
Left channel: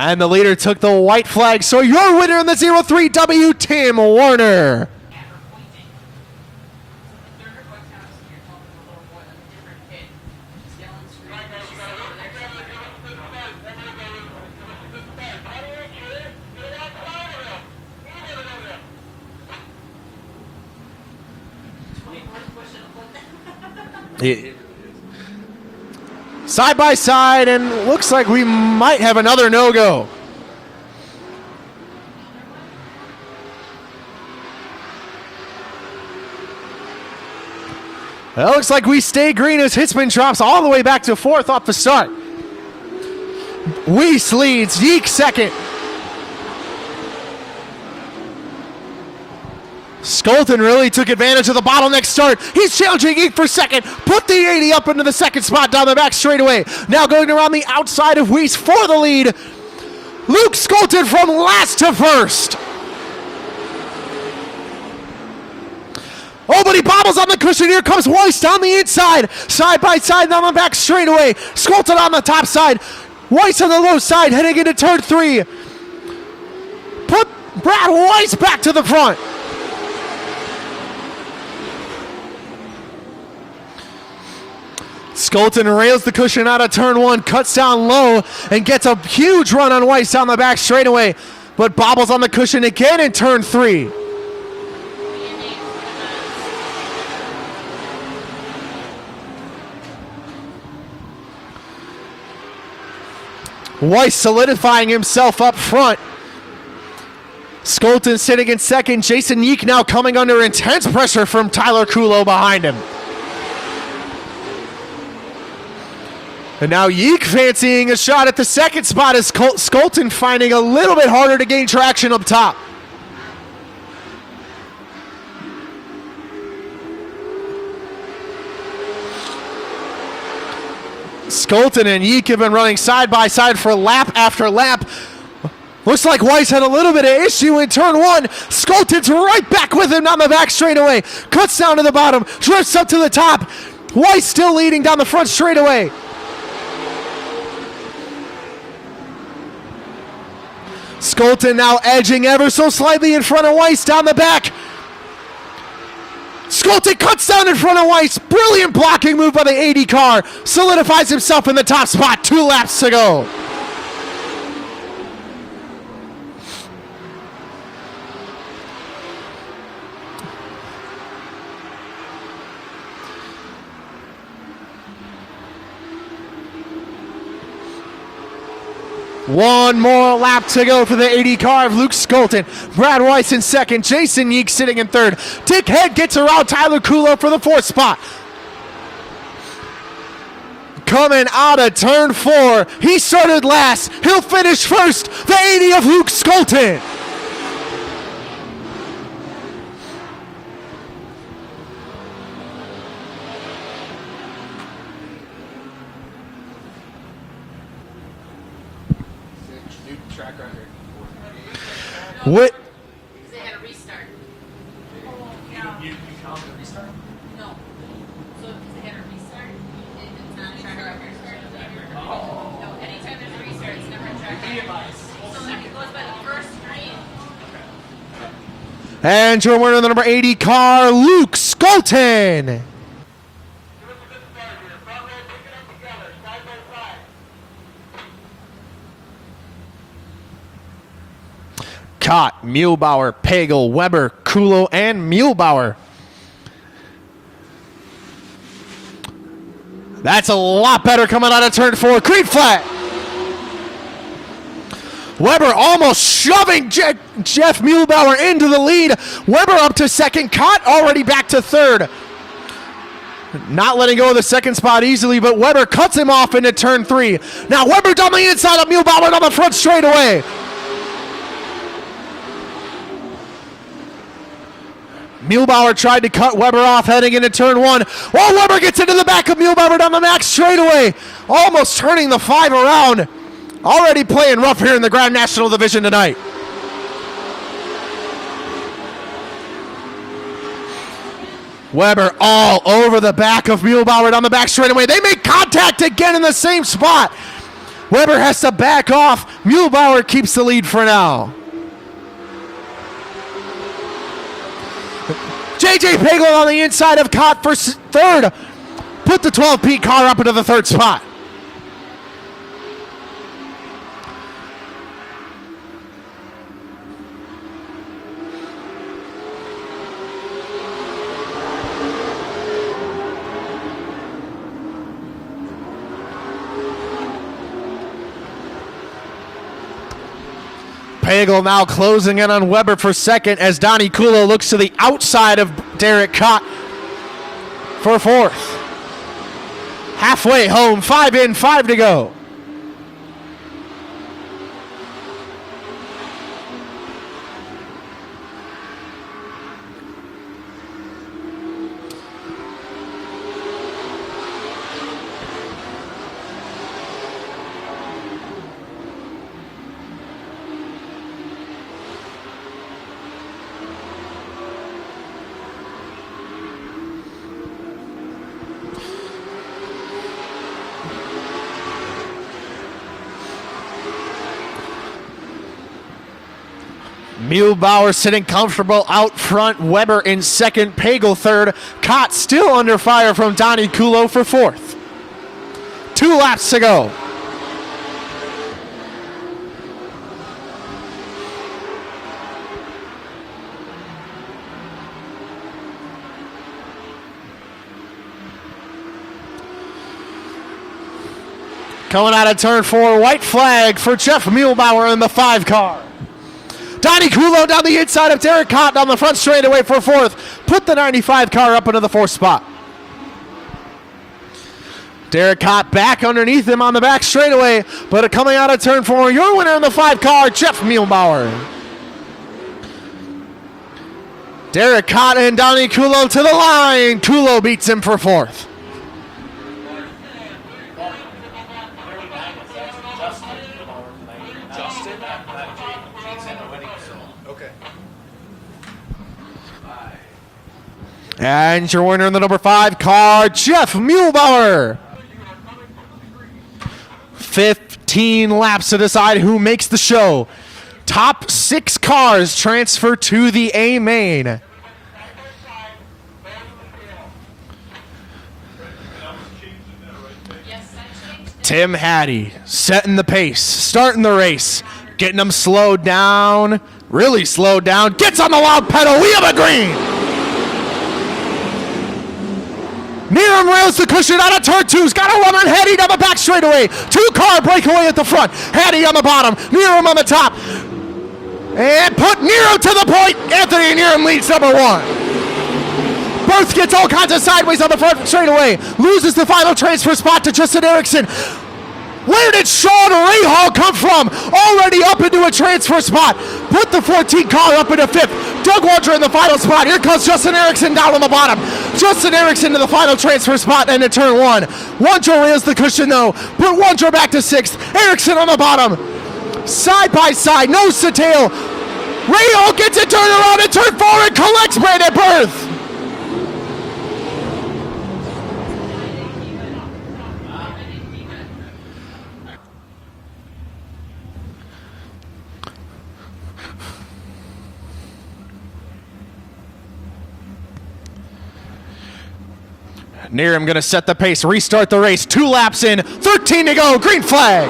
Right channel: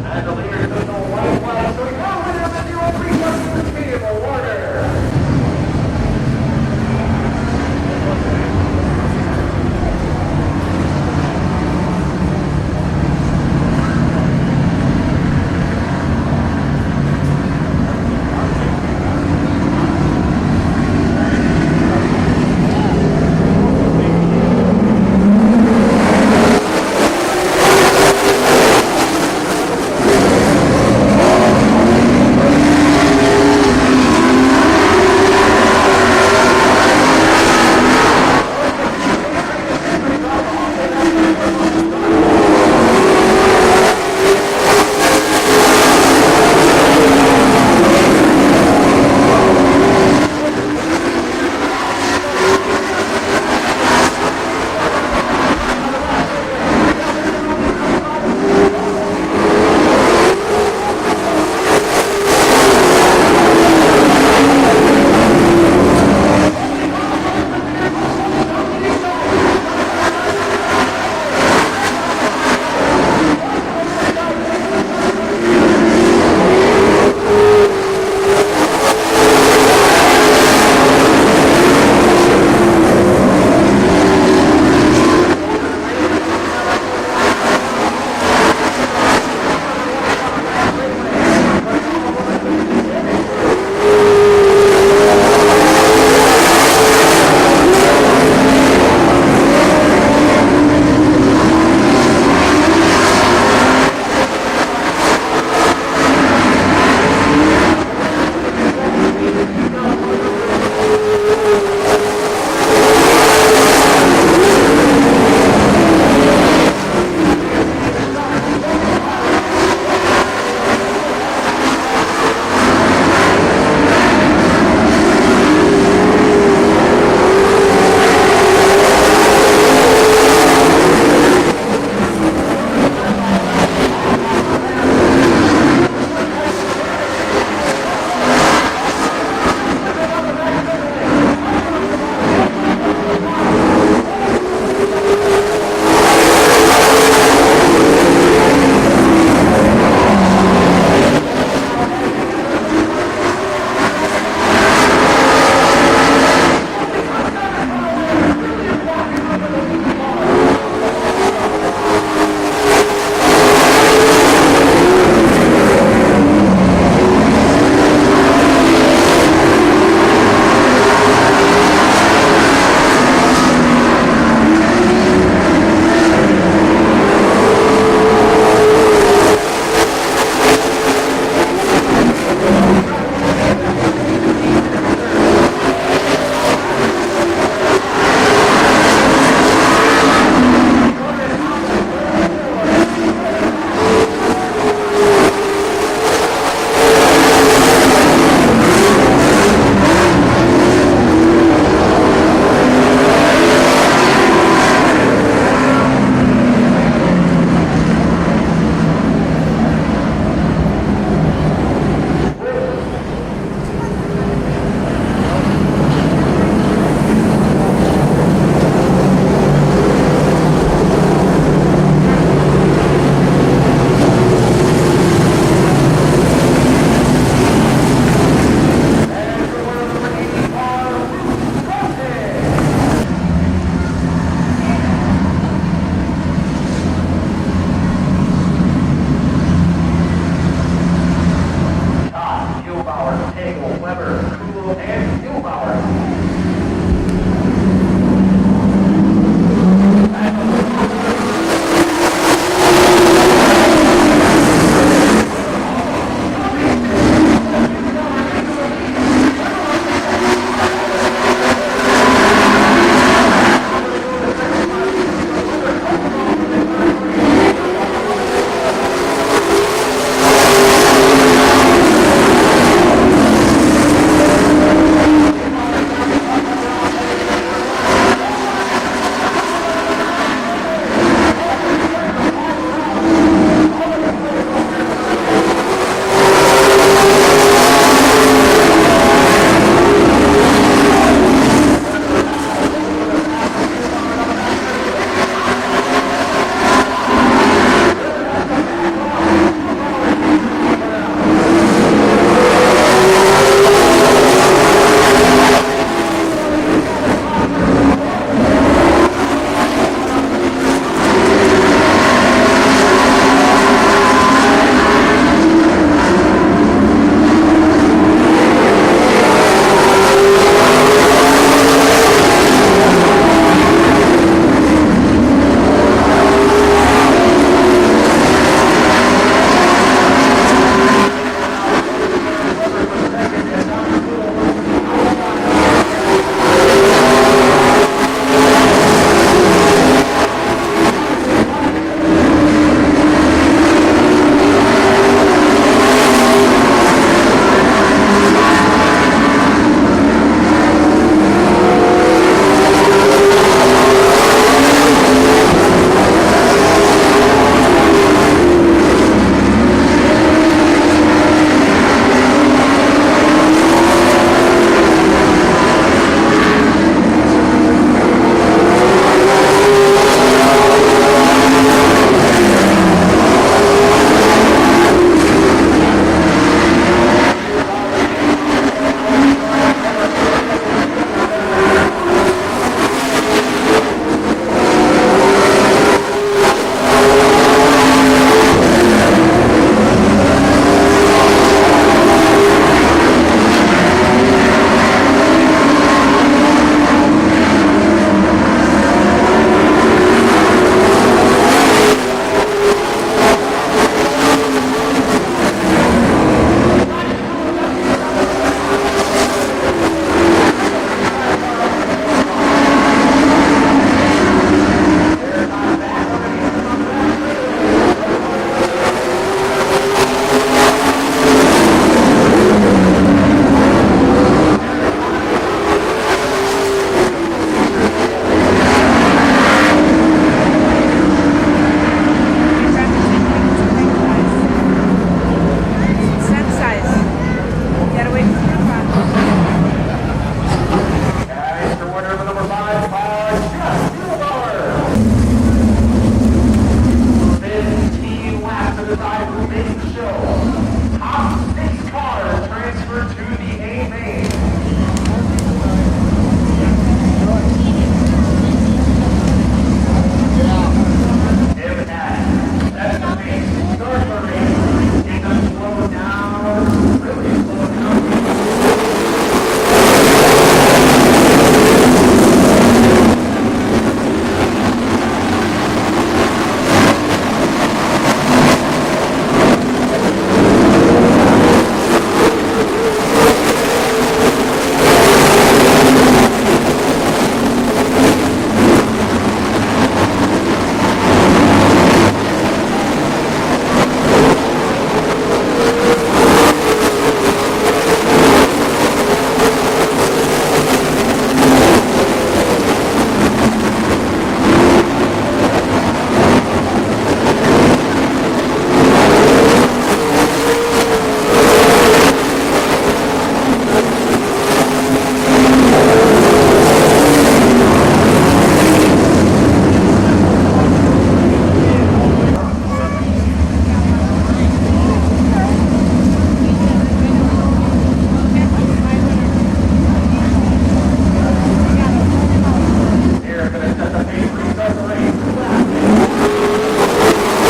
And the leader took the white flag, so your winner in the 03W, Tim Warner. Side, and looks like we might have another no-go. That looks like we stay green as Hitzman drops all the way back to 4th off the start. Weiss leads, Yeek 2nd. Skolton really took advantage of the bottleneck start. He's challenging Yeek for 2nd. Put the 80 up into the 2nd spot down the back straightaway. Now going around the outside of Weiss for the lead. Luke Skolton from last to 1st. Oh, but he bobbles on the cushion. Here comes Weiss down the inside. Side by side down the back straightaway. Skolton on the top side. Weiss on the low side heading into turn 3. Put Brad Weiss back to the front. Skolton rails the cushion out of turn 1, cuts down low, and gets a huge run on Weiss down the back straightaway, but bobbles on the cushion again in turn 3. Weiss solidifying himself up front. Skolton sitting in 2nd. Jason Yeek now coming under intense pressure from Tyler Kulo behind him. Now Yeek fancying a shot at the 2nd spot as Skolton finding a little bit harder to gain traction up top. Skolton and Yeek have been running side by side for lap after lap. Looks like Weiss had a little bit of issue in turn 1. Skolton's right back with him down the back straightaway. Cuts down to the bottom, drifts up to the top. Weiss still leading down the front straightaway. Skolten now edging ever so slightly in front of Weiss down the back. Skolten cuts down in front of Weiss. Brilliant blocking move by the 80 car. Solidifies himself in the top spot. 2 laps to go. Brad Weiss in second, Jason Yeek sitting in third. Dick Head gets around Tyler Kulo for the 4th spot. Coming out of turn 4, he started last, he'll finish first, the 80 of Luke Skolten. And your winner of the number 80 car, Luke Skolten. Cott, Muehlbauer, Pagel, Weber, Kulo, and Muehlbauer. That's a lot better coming out of turn 4. Green flag. Weber almost shoving Jeff Muehlbauer into the lead. Weber up to second. Cott already back to third. Not letting go of the second spot easily, but Weber cuts him off into turn 3. Now Weber's on the inside of Muehlbauer on the front straightaway. Muehlbauer tried to cut Weber off heading into turn 1. While Weber gets into the back of Muehlbauer down the max straightaway. Almost turning the 5 around. Already playing rough here in the Grand National Division tonight. Weber all over the back of Muehlbauer down the back straightaway. They make contact again in the same spot. Weber has to back off. Muehlbauer keeps the lead for now. JJ Pagel on the inside of Cott for third. Put the 12P car up into the 3rd spot. Now closing in on Weber for second as Donnie Kulo looks to the outside of Derek Cott for 4th. Halfway home, 5 in, 5 to go. Sitting comfortable out front, Weber in second, Pagel third, Cott still under fire from Donnie Kulo for 4th. 2 laps to go. Coming out of turn 4, white flag for Jeff Muehlbauer in the 5 car. Donnie Kulo down the inside of Derek Cott on the front straightaway for 4th. Put the 95 car up into the 4th spot. Derek Cott back underneath him on the back straightaway, but coming out of turn 4, your winner of the 5 car, Jeff Muehlbauer. Derek Cott and Donnie Kulo to the line. Kulo beats him for 4th. And your winner in the number 5 car, Jeff Muehlbauer. 15 laps to decide who makes the show. Top 6 cars transfer to the A main. Tim Hattie setting the pace, starting the race, getting them slowed down, really slowed down, gets on the loud pedal, we have a green! Hiram rails the cushion out of turn 2, he's got a run on Hattie down the back straightaway, 2-car breakaway at the front, Hattie on the bottom, Hiram on the top, and put Hiram to the point, Anthony Hiram leads number 1. Burns gets all kinds of sideways on the front straightaway, loses the final transfer spot to Justin Erickson. Where did Sean Rahal come from? Already up into a transfer spot. Put the 14 car up into 5th. Doug Wondra in the final spot. Here comes Justin Erickson down on the bottom. Justin Erickson to the final transfer spot and to turn 1. Wondra rails the cushion though. Put Wondra back to 6th. Erickson on the bottom. Side by side, nose to tail. Rahal gets it turned around and turn 4 and collects Brandon Burns. I'm going to set the pace, restart the race, 2 laps in, 13 to go, green flag.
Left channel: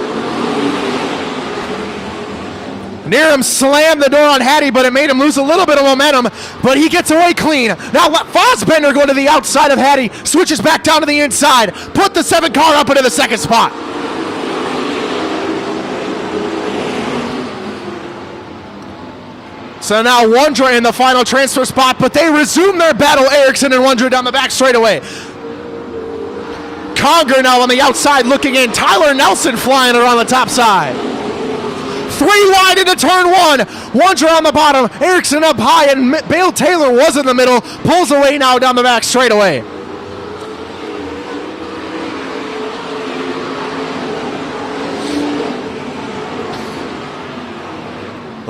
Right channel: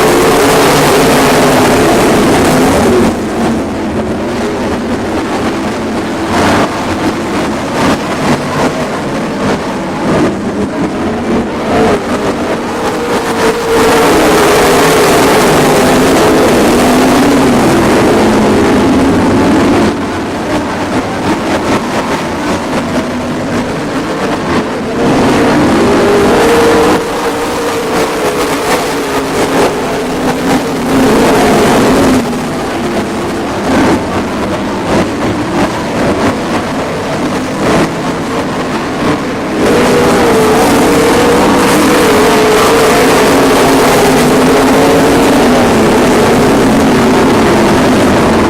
Niram slammed the door on Hattie, but it made him lose a little bit of momentum, but he gets away clean. Now Fassbender going to the outside of Hattie, switches back down to the inside, put the 7 car up into the 2nd spot. So now Wondra in the final transfer spot, but they resume their battle, Erickson and Wondra down the back straightaway. Conger now on the outside looking in. Tyler Nelson flying around the top side. 3 wide into turn 1. Wondra on the bottom. Erickson up high, and Bill Taylor was in the middle. Pulls away now down the back straightaway.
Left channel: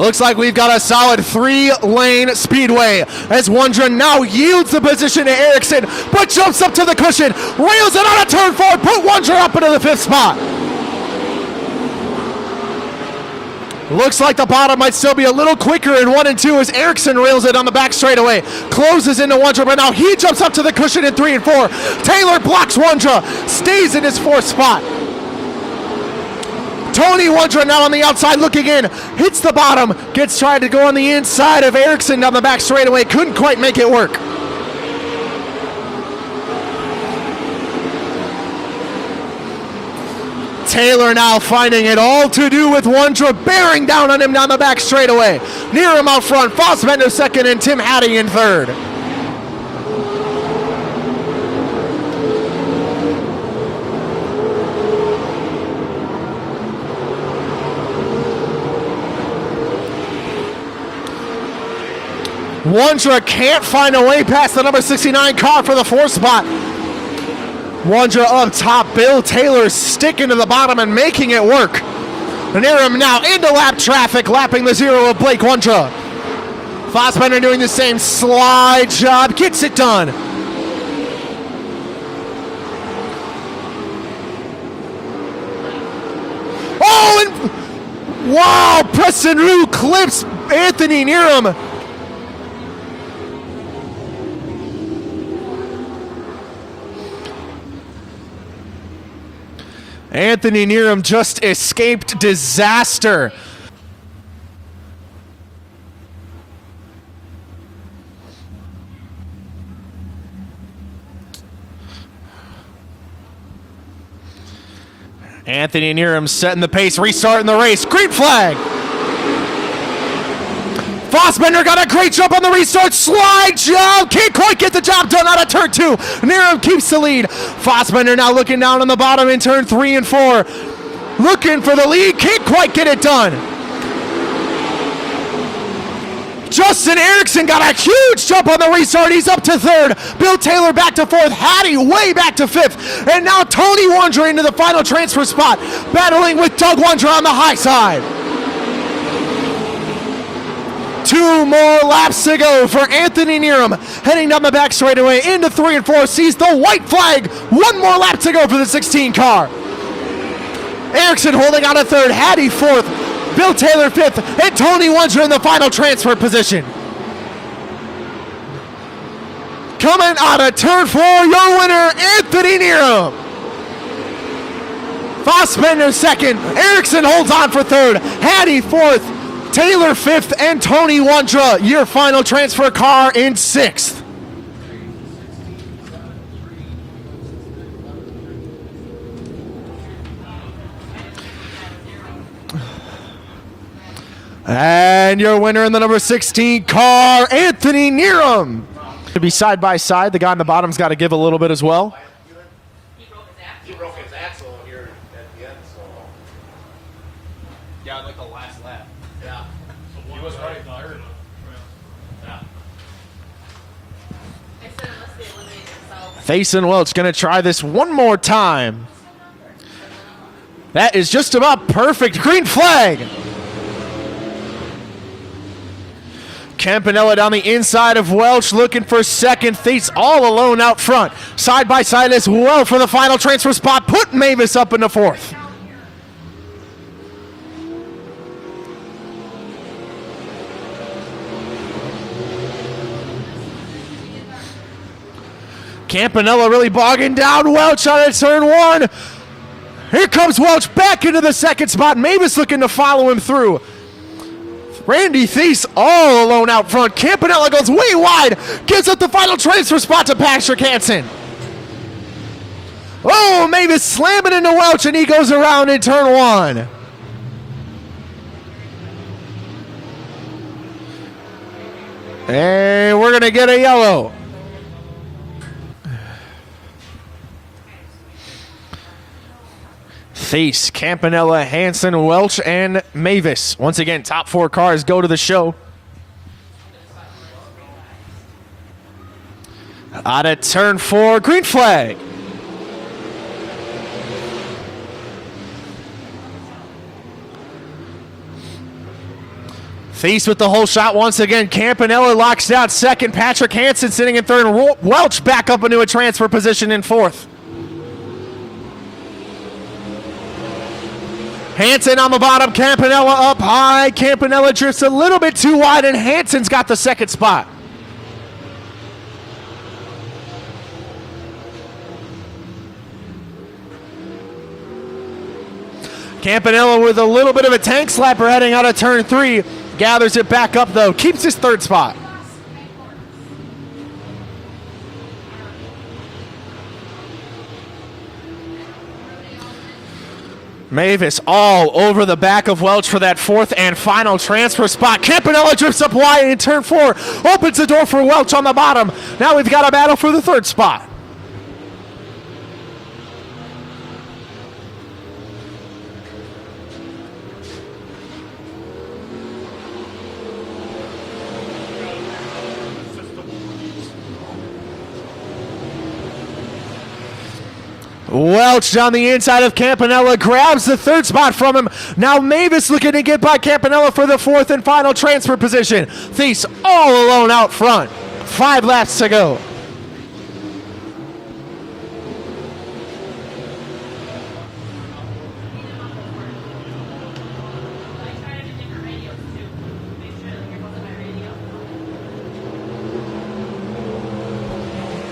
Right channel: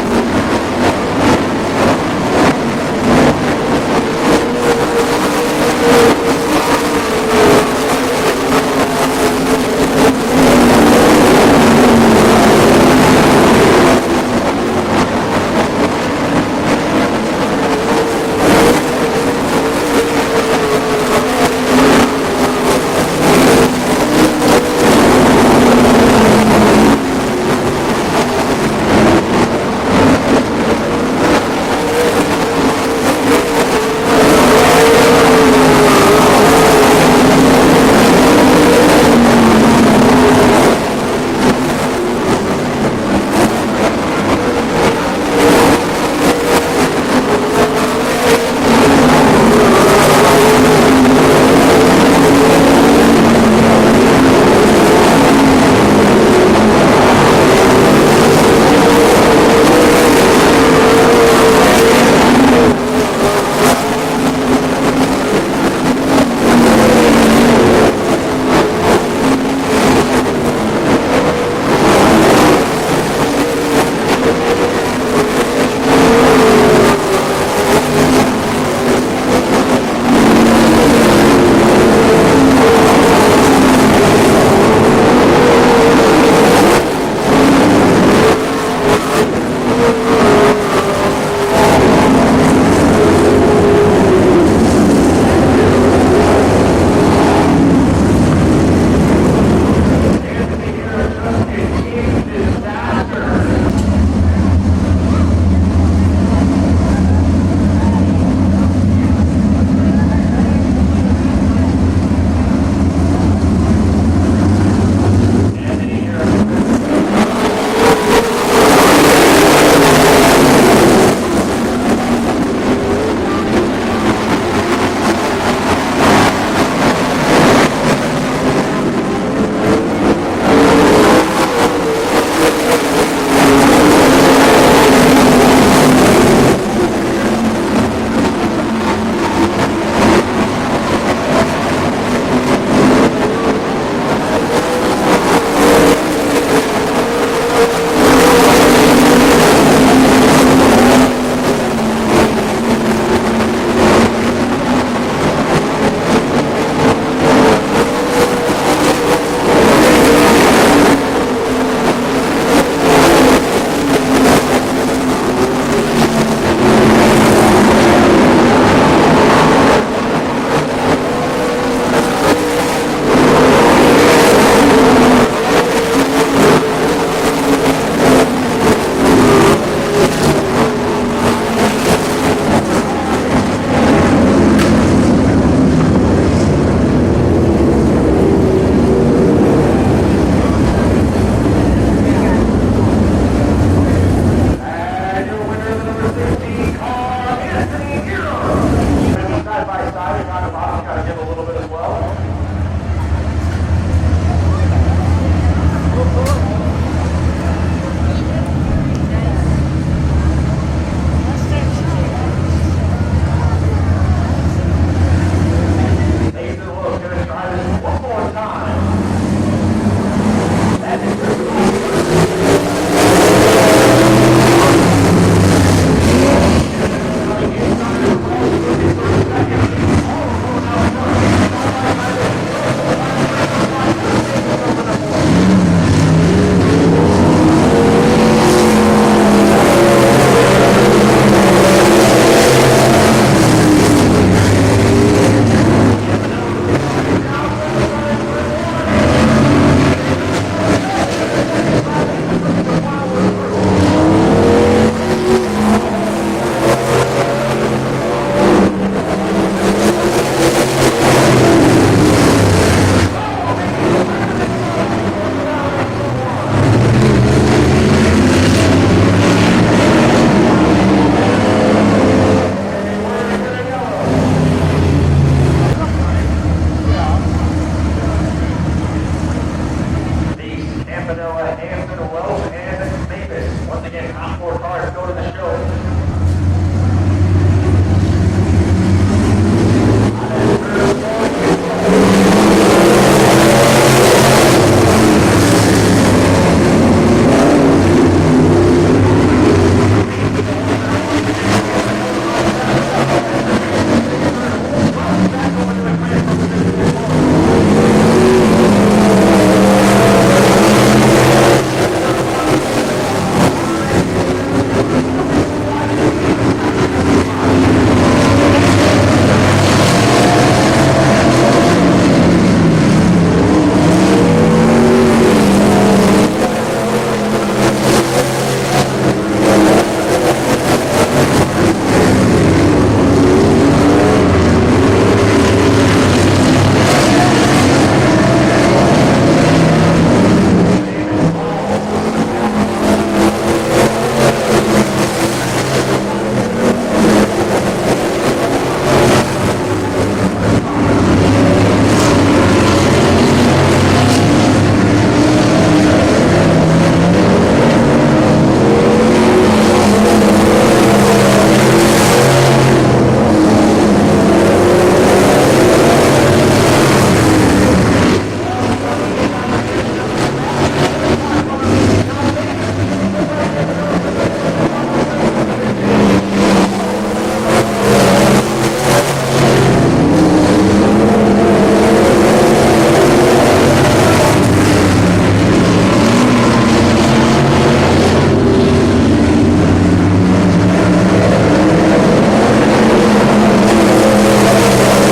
Looks like we've got a solid 3-lane speedway as Wondra now yields the position to Erickson, but jumps up to the cushion, wheels it out of turn 4, put Wondra up into the 5th spot. Looks like the bottom might still be a little quicker in 1 and 2 as Erickson rails it on the back straightaway, closes into Wondra, but now he jumps up to the cushion in 3 and 4. Taylor blocks Wondra, stays in his 4th spot. Tony Wondra now on the outside looking in, hits the bottom, gets trying to go on the inside of Erickson down the back straightaway, couldn't quite make it work. Taylor now finding it all to do with Wondra, bearing down on him down the back straightaway. Hiram out front, Fassbender 2nd, and Tim Hattie in 3rd. Wondra can't find a way past the number 69 car for the 4th spot. Wondra on top, Bill Taylor sticking to the bottom and making it work. Niram now into lap traffic, lapping the 0 of Blake Wondra. Fassbender doing the same slide job, gets it done. Oh, and wow, Preston Rue clips Anthony Niram. Anthony Niram just escaped disaster. Anthony Niram setting the pace, restarting the race. Green flag. Fassbender got a great jump on the restart, slide jump, can't quite get the job done out of turn 2. Niram keeps the lead. Fassbender now looking down on the bottom in turn 3 and 4. Looking for the lead, can't quite get it done. Justin Erickson got a huge jump on the restart, he's up to 3rd. Bill Taylor back to 4th, Hattie way back to 5th. And now Tony Wondra into the final transfer spot, battling with Doug Wondra on the high side. 2 more laps to go for Anthony Niram. heading down the back straightaway into 3 and 4, sees the white flag. One more lap to go for the 16 car. Erickson holding on to third, Hattie fourth, Bill Taylor fifth, and Tony Wunschler in the final transfer position. Coming out of turn 4, your winner, Anthony Nero. Fassbender second, Erickson holds on for third, Hattie fourth, Taylor fifth, and Tony Wunschler, your final transfer car in sixth. And your winner in the number 16 car, Anthony Nero. To be side by side, the guy on the bottom's got to give a little bit as well. Thies and Welch going to try this one more time. That is just about perfect. Green flag. Campanella down the inside of Welch looking for second. Thies all alone out front. Side by side as well for the final transfer spot. Put Mavis up in the fourth. Campanella really bogging down Welch on it, turn one. Here comes Welch back into the second spot. Mavis looking to follow him through. Randy Thies all alone out front. Campanella goes way wide, gives up the final transfer spot to Patrick Hansen. Oh, Mavis slamming into Welch, and he goes around in turn one. And we're gonna get a yellow. Thies, Campanella, Hansen, Welch, and Mavis. Once again, top 4 cars go to the show. Out of turn 4, green flag. Thies with the whole shot once again. Campanella locks down second. Patrick Hansen sitting in third. Welch back up into a transfer position in fourth. Hansen on the bottom, Campanella up high. Campanella drifts a little bit too wide, and Hansen's got the second spot. Campanella with a little bit of a tank slapper heading out of turn 3. Gathers it back up though, keeps his third spot. Mavis all over the back of Welch for that fourth and final transfer spot. Campanella drifts up wide in turn 4. Opens the door for Welch on the bottom. Now we've got a battle for the third spot. Welch down the inside of Campanella, grabs the third spot from him. Now Mavis looking to get by Campanella for the fourth and final transfer position. Thies all alone out front. 5 laps to go.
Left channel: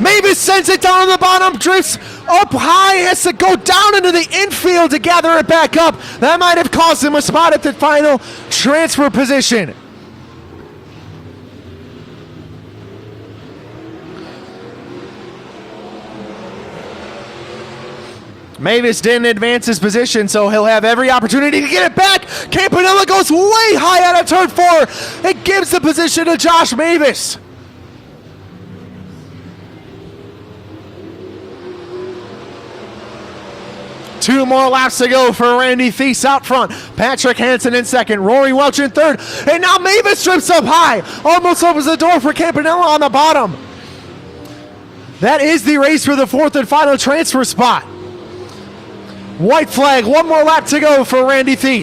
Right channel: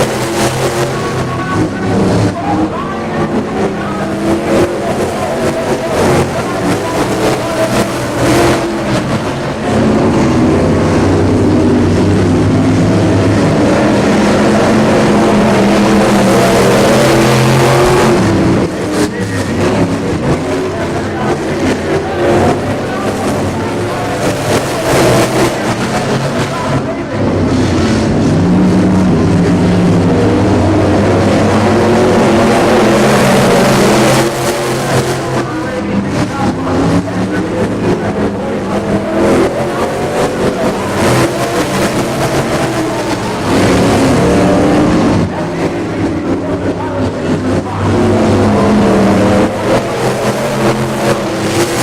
Mavis sends it down on the bottom, drifts up high, has to go down into the infield to gather it back up. That might have cost him a spot at the final transfer position. Mavis didn't advance his position, so he'll have every opportunity to get it back. Campanella goes way high out of turn 4 and gives the position to Josh Mavis. To go for Randy Thies out front. Patrick Hansen in second. Rory Welch in third. And now Mavis trips up high. Almost opens the door for Campanella on the bottom. That is the race for the fourth and final transfer spot. White flag. One more lap to go for Randy Thies.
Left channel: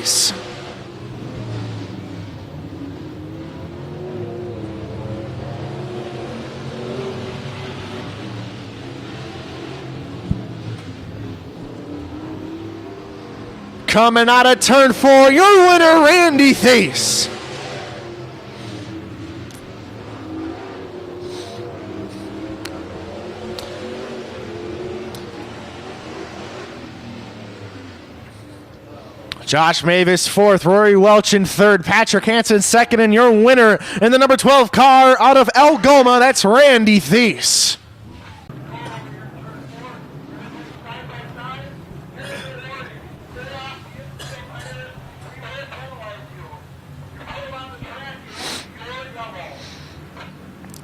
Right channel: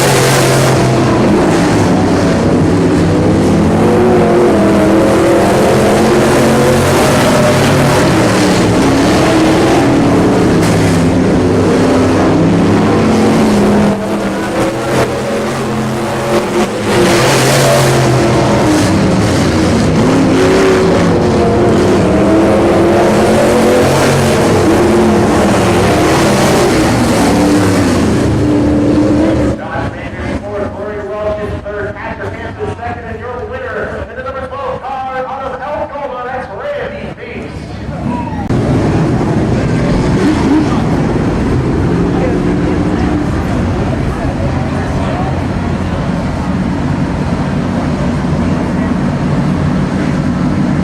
of turn 4, your winner, Randy Thies. Josh Mavis fourth, Rory Welch in third, Patrick Hansen second, and your winner in the number 12 car out of Algoma, that's Randy Thies.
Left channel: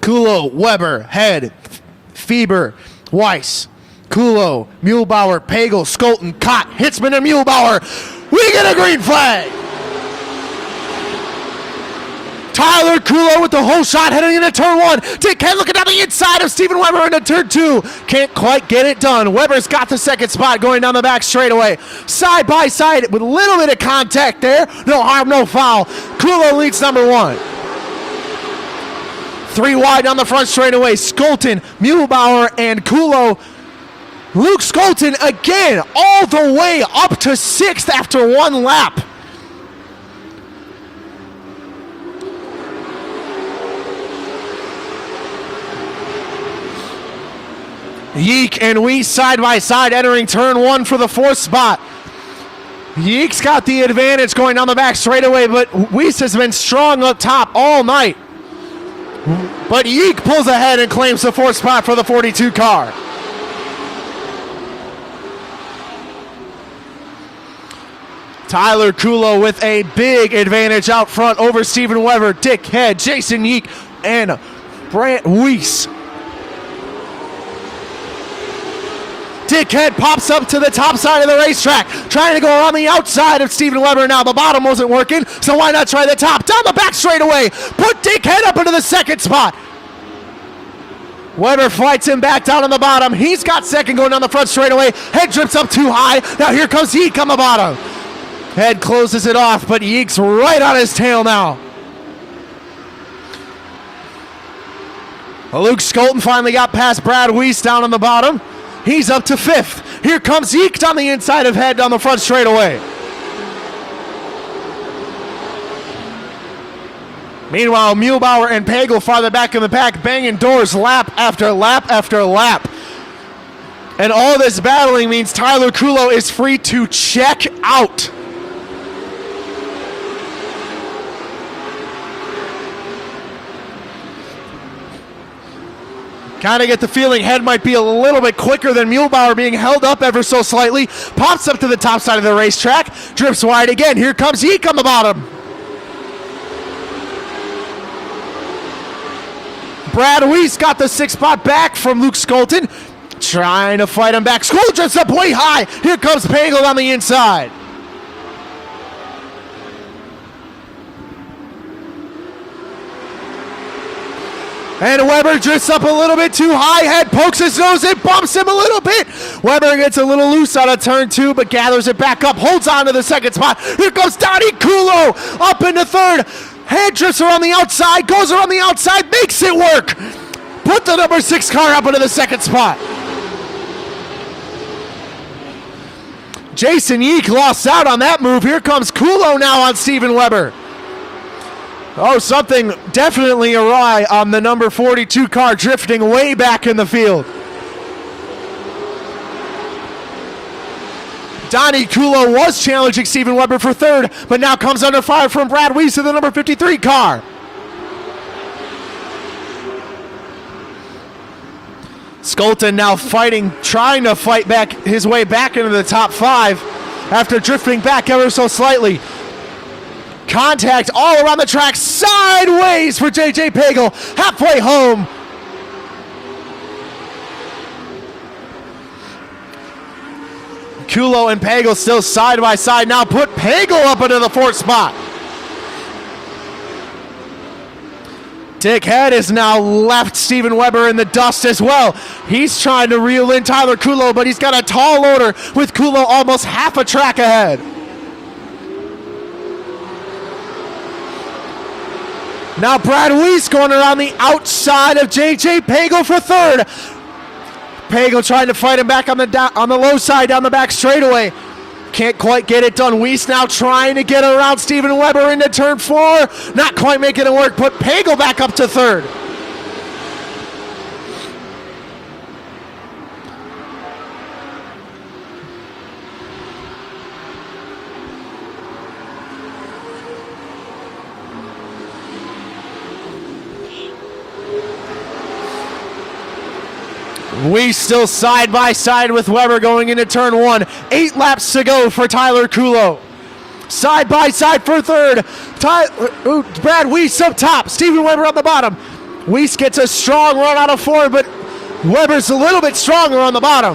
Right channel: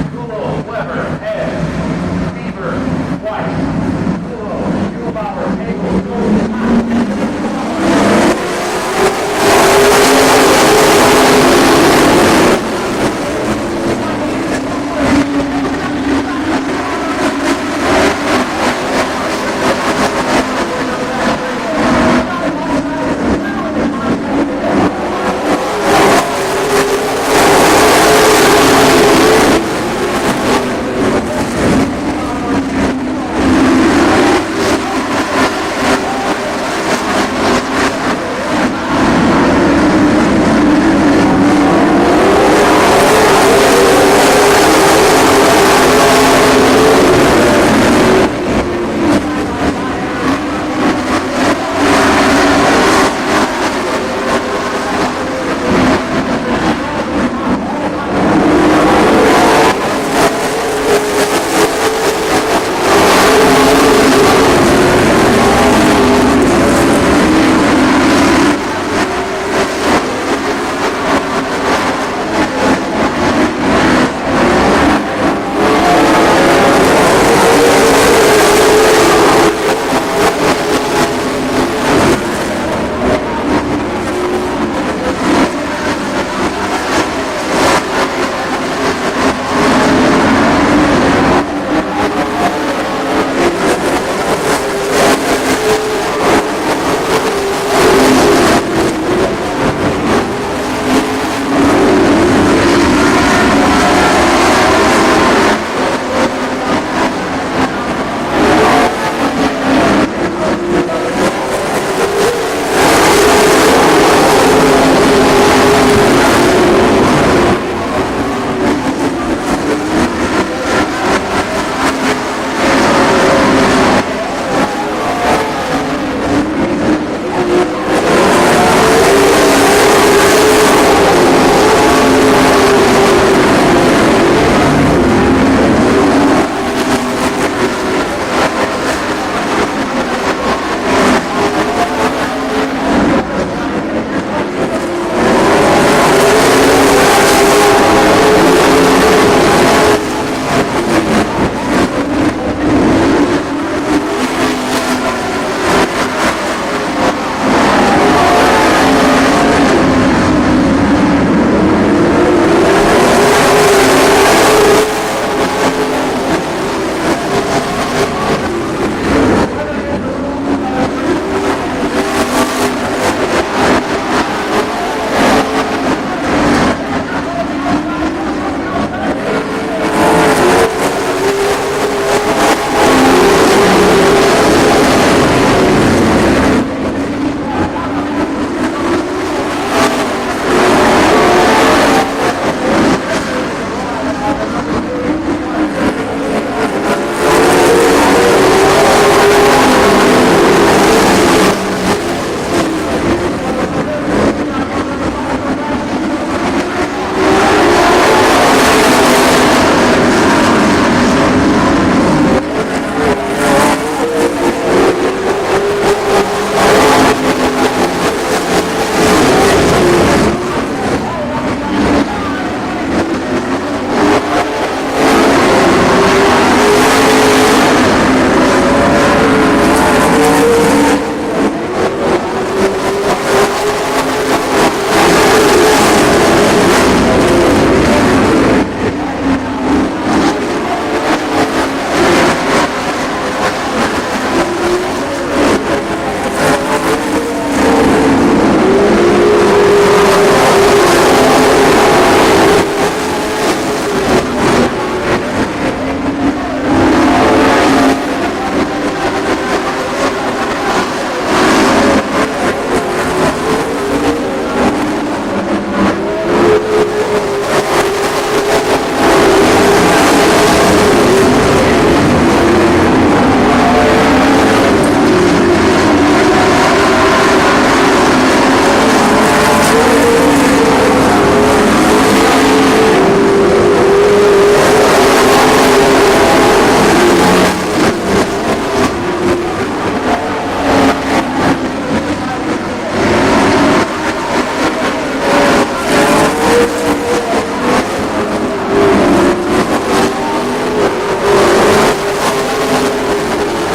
Kulo, Weber, Head, Fieber, Weiss, Kulo, Muehlbauer, Pagel, Skolten, Cott, Hitzman, and Muehlbauer. We get a green flag. Tyler Kulo with the whole shot heading into turn 1. Dick Head looking down the inside of Steven Weber into turn 2. Can't quite get it done. Weber's got the second spot going down the back straightaway. Side by side with a little bit of contact there. No harm, no foul. Kulo leads number 1. 3 wide down the front straightaway. Skolten, Muehlbauer, and Kulo. Luke Skolten again, all the way up to 6th after 1 lap. Yeek and Weiss side by side entering turn 1 for the 4th spot. Yeek's got the advantage going down the back straightaway, but Weiss has been strong up top all night. But Yeek pulls ahead and claims the 4th spot for the 42 car. Tyler Kulo with a big advantage out front over Steven Weber, Dick Head, Jason Yeek, and Brant Weiss. Dick Head pops up to the top side of the racetrack, trying to go on the outside of Steven Weber. Now the bottom wasn't working, so why not try the top? Down the back straightaway, put Dick Head up into the 2nd spot. Weber fights him back down on the bottom. He's got second going down the front straightaway. Head trips up too high. Now here comes Yeek on the bottom. Head closes it off, but Yeek's right on his tail now. Luke Skolten finally got past Brad Weiss down on the bottom. He's up to 5th. Here comes Yeek on the inside of Head down the front straightaway. Meanwhile, Muehlbauer and Pagel farther back in the back, banging doors lap after lap after lap. And all this battling means Tyler Kulo is free to check out. Kind of get the feeling Head might be a little bit quicker than Muehlbauer, being held up ever so slightly. Pops up to the top side of the racetrack, drifts wide again. Here comes Yeek on the bottom. Brad Weiss got the 6th spot back from Luke Skolten. Trying to fight him back. Skolten just up way high. Here comes Pagel on the inside. And Weber drifts up a little bit too high. Head pokes his nose in, bumps him a little bit. Weber gets a little loose out of turn 2, but gathers it back up, holds on to the 2nd spot. Here comes Donnie Kulo up into 3rd. Head drifts around the outside, goes around the outside, makes it work. Put the number 6 car up into the 2nd spot. Jason Yeek lost out on that move. Here comes Kulo now on Steven Weber. Oh, something definitely awry on the number 42 car, drifting way back in the field. Donnie Kulo was challenging Steven Weber for 3rd, but now comes under fire from Brad Weiss in the number 53 car. Skolten now fighting, trying to fight back his way back into the top 5 after drifting back ever so slightly. Contact all around the track, sideways for JJ Pagel, halfway home. Kulo and Pagel still side by side now. Put Pagel up into the 4th spot. Dick Head has now left Steven Weber in the dust as well. He's trying to reel in Tyler Kulo, but he's got a tall loader with Kulo almost half a track ahead. Now Brad Weiss going around the outside of JJ Pagel for 3rd. Pagel trying to fight him back on the low side down the back straightaway. can't quite get it done. Weiss now trying to get around Steven Weber into turn 4. Not quite making it work. Put Pagel back up to third. Side by side with Weber going into turn 1. 8 laps to go for Tyler Kulo. Side by side for third. Brad Weiss up top. Steven Weber on the bottom. Weiss gets a strong run out of 4, but Weber's a little bit stronger on the bottom.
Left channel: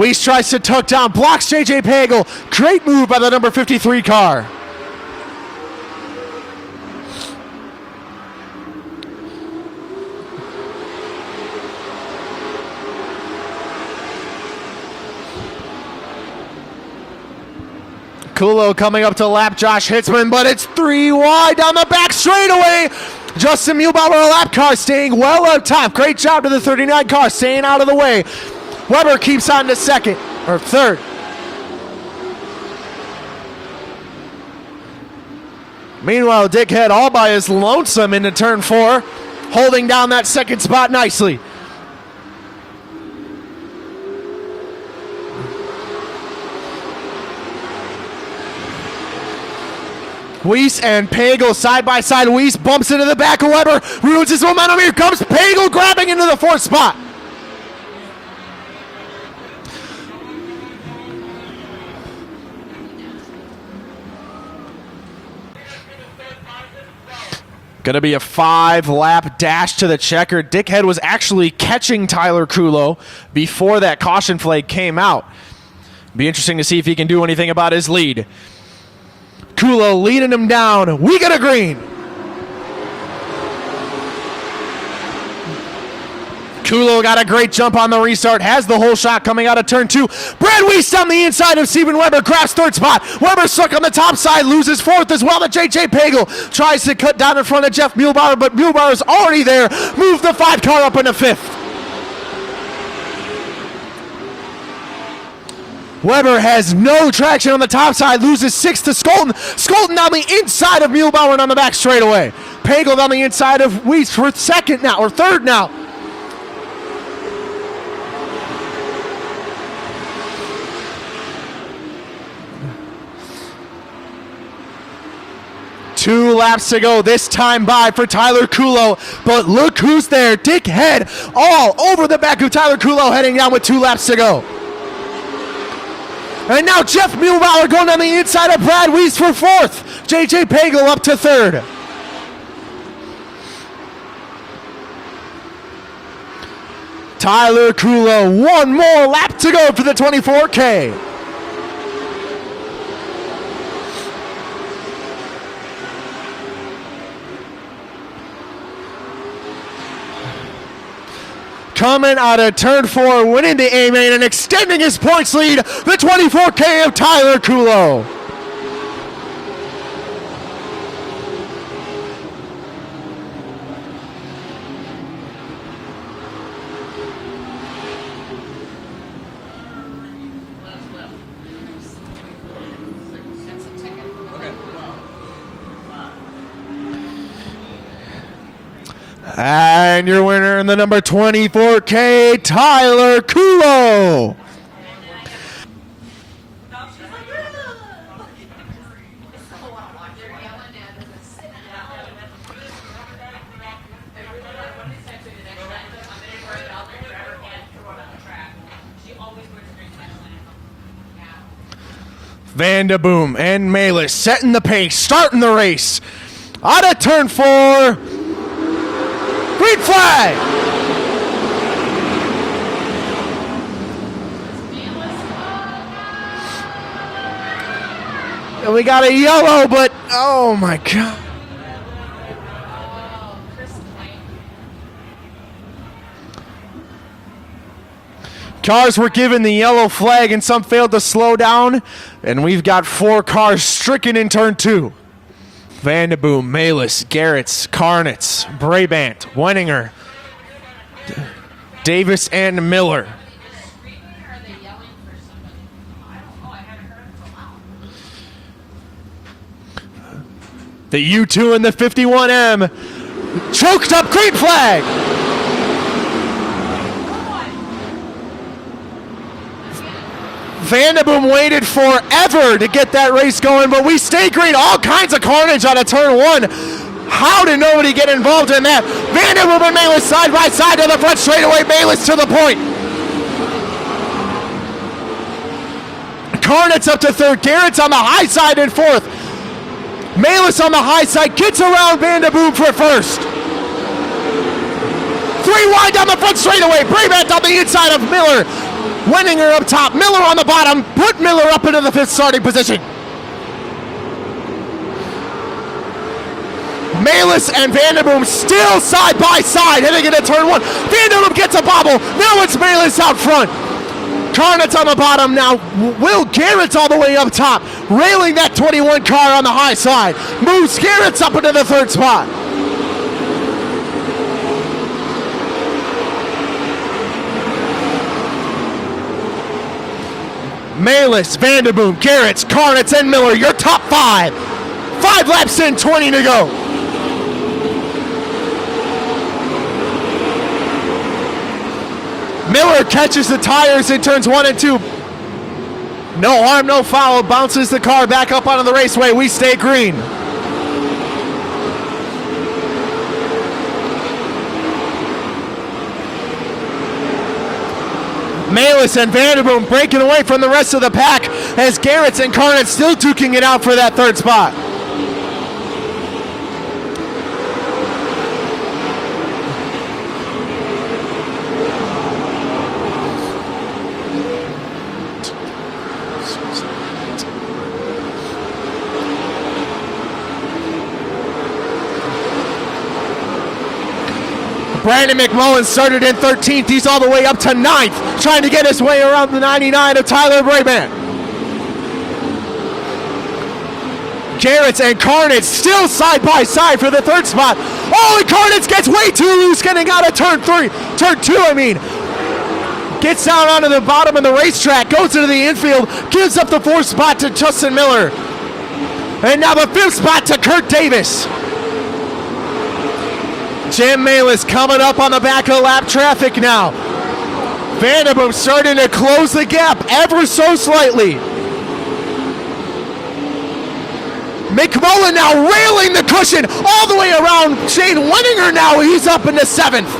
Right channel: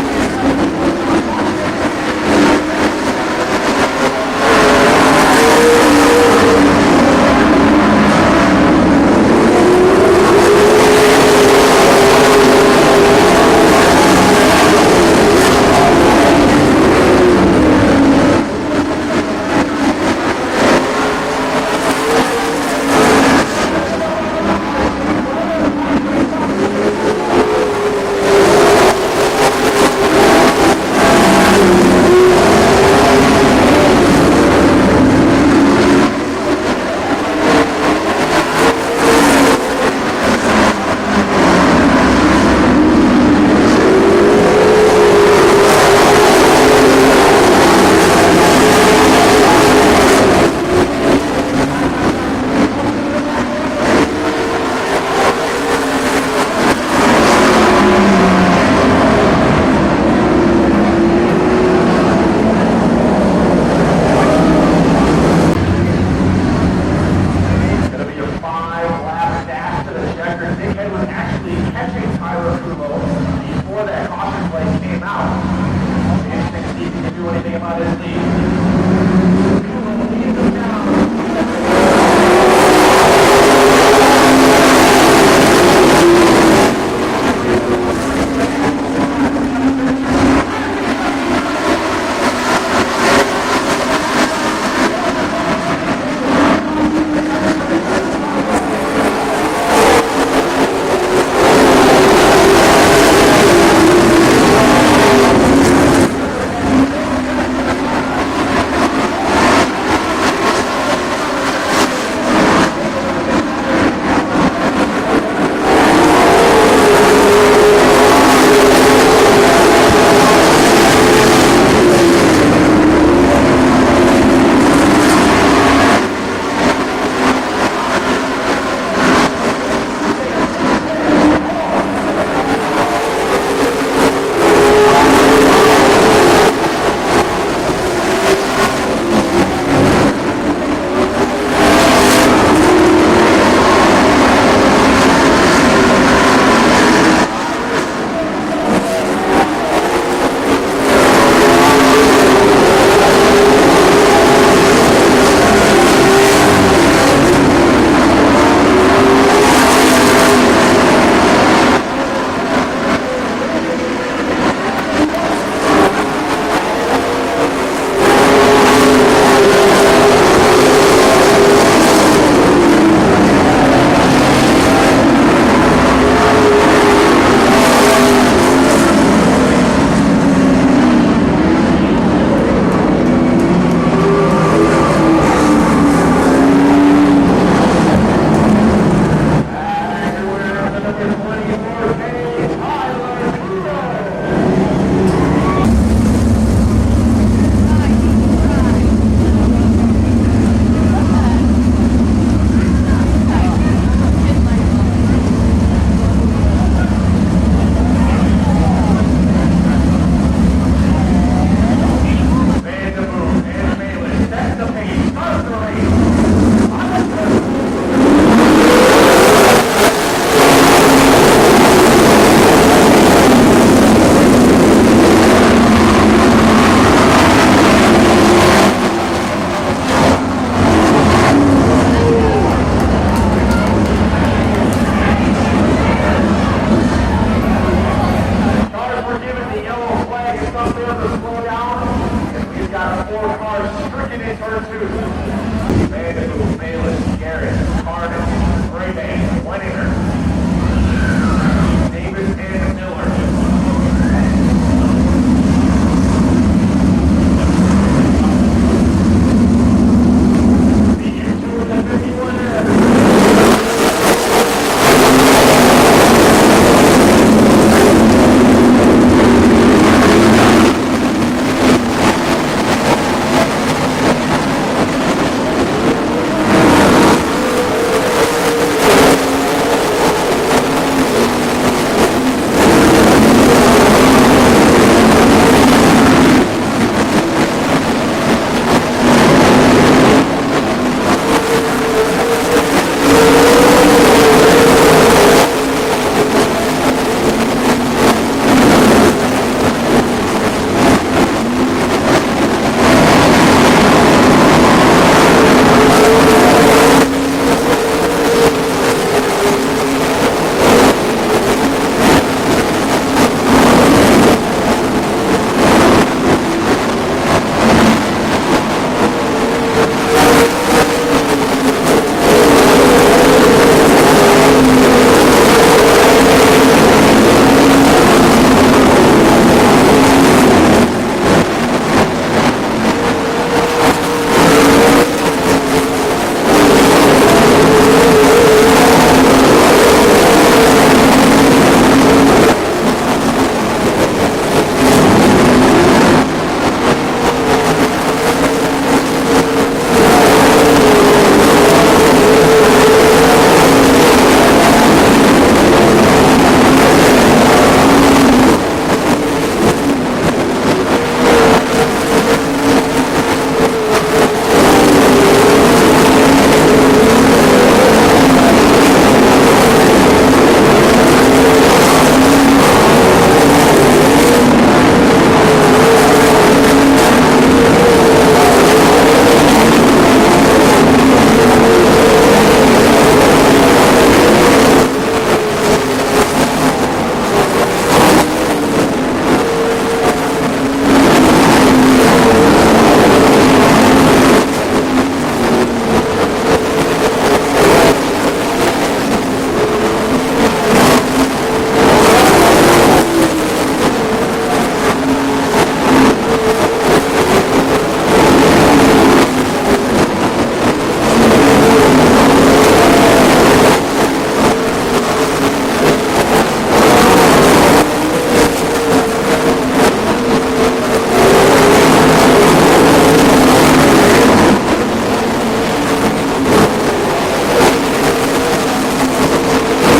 Weiss tries to tuck down, blocks JJ Pagel. Great move by the number 53 car. Coming up to lap Josh Hitzman, but it's 3 wide down the back straightaway. Justin Muehlbauer, a lap car, staying well on top. Great job to the 39 car, staying out of the way. Weber keeps on to second, or third. Meanwhile, Dickhead all by his lonesome into turn 4, holding down that second spot nicely. And Pagel side by side. Weiss bumps into the back of Weber, ruins his momentum. Here comes Pagel grabbing into the 4th spot. Gonna be a 5-lap dash to the checker. Dickhead was actually catching Tyler Kulo before that caution flag came out. Be interesting to see if he can do anything about his lead. Kulo leading him down. We get a green. Kulo got a great jump on the restart. Has the whole shot coming out of turn 2. Brad Weiss on the inside of Steven Weber. Crashed 3rd spot. Weber stuck on the top side. Loses 4th as well. And JJ Pagel tries to cut down in front of Jeff Muehlbauer, but Muehlbauer's already there. Moves the 5 car up into 5th. Weber has no traction on the top side, loses 6th to Skolten. Skolten on the inside of Muehlbauer and on the back straightaway. Pagel on the inside of Weiss. We're 2nd now, or 3rd now. Two laps to go, this time by for Tyler Kulo. But look who's there, Dickhead all over the back of Tyler Kulo, heading out with 2 laps to go. And now Jeff Muehlbauer going on the inside of Brad Weiss for 4th. JJ Pagel up to 3rd. Tyler Kulo, 1 more lap to go for the 24K. Coming out of turn 4, winning the A-main and extending his points lead, the 24K of Tyler Kulo. And your winner in the number 24K, Tyler Kulo. Vanderboom and Malis setting the pace, starting the race. Out of turn 4. Green flag! We got a yellow, but oh my God. Cars were given the yellow flag and some failed to slow down, and we've got 4 cars stricken in turn 2. Vanderboom, Malis, Garretts, Karnitz, Brabant, Wenninger, Davis and Miller. U2 in the 51M. Choked up, green flag. Vanderboom waited forever to get that race going, but we stay green. All kinds of carnage out of turn one. How did nobody get involved in that? Vanderboom and Malus side by side to the front straightaway. Malus to the point. Carnage up to third. Garrett's on the high side in fourth. Malus on the high side gets around Vanderboom for first. Three wide down the front straightaway. Brabant on the inside of Miller. Winning her up top. Miller on the bottom. Put Miller up into the fifth starting position. Malus and Vanderboom still side by side heading into turn one. Vanderboom gets a bobble. Now it's Malus out front. Carnet's on the bottom now. Will Garrett's all the way up top. Railing that 21 car on the high side. Moves Garrett's up into the third spot. Malus, Vanderboom, Garrett's, Carnet's, and Miller, your top five. 5 laps in, 20 to go. Miller catches the tires in turns 1 and 2. No harm, no foul. Bounces the car back up onto the raceway. We stay green. Malus and Vanderboom breaking away from the rest of the pack as Garrett's and Carnett still duking it out for that third spot. Started in 13th, he's all the way up to 9th, trying to get his way around the 99 of Tyler Brayman. Garrett's and Carnage still side by side for the third spot. Oh, and Carnage gets way too loose getting out of turn 2, I mean. Gets down onto the bottom of the racetrack, goes into the infield, gives up the 4th spot to Justin Miller. And now the 5th spot to Kurt Davis. Jim Malus coming up on the back of lap traffic now. Vanderboom starting to close the gap ever so slightly. McMullen now railing the cushion all the way around. Shane Winninger now, he's up into 7th.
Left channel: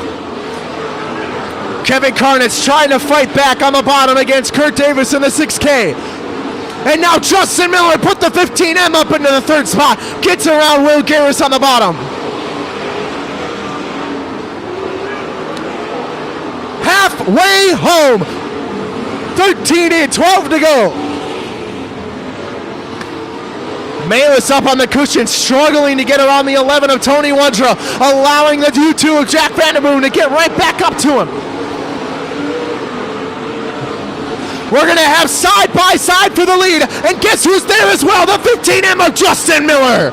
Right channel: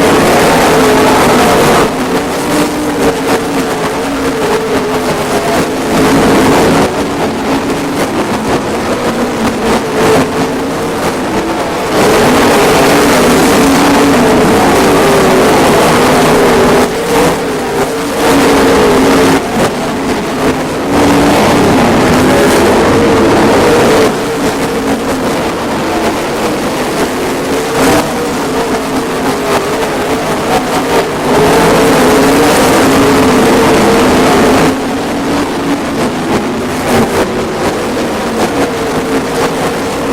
Kevin Carnett's trying to fight back on the bottom against Kurt Davis in the 6K. And now Justin Miller put the 15M up into the 3rd spot. Gets around Will Garris on the bottom. Halfway home. 13 and 12 to go. Malus up on the cushion, struggling to get around the 11 of Tony Wondra, allowing the U2 of Jack Vanderboom to get right back up to him. We're going to have side by side for the lead, and guess who's there as well? The 15M of Justin Miller.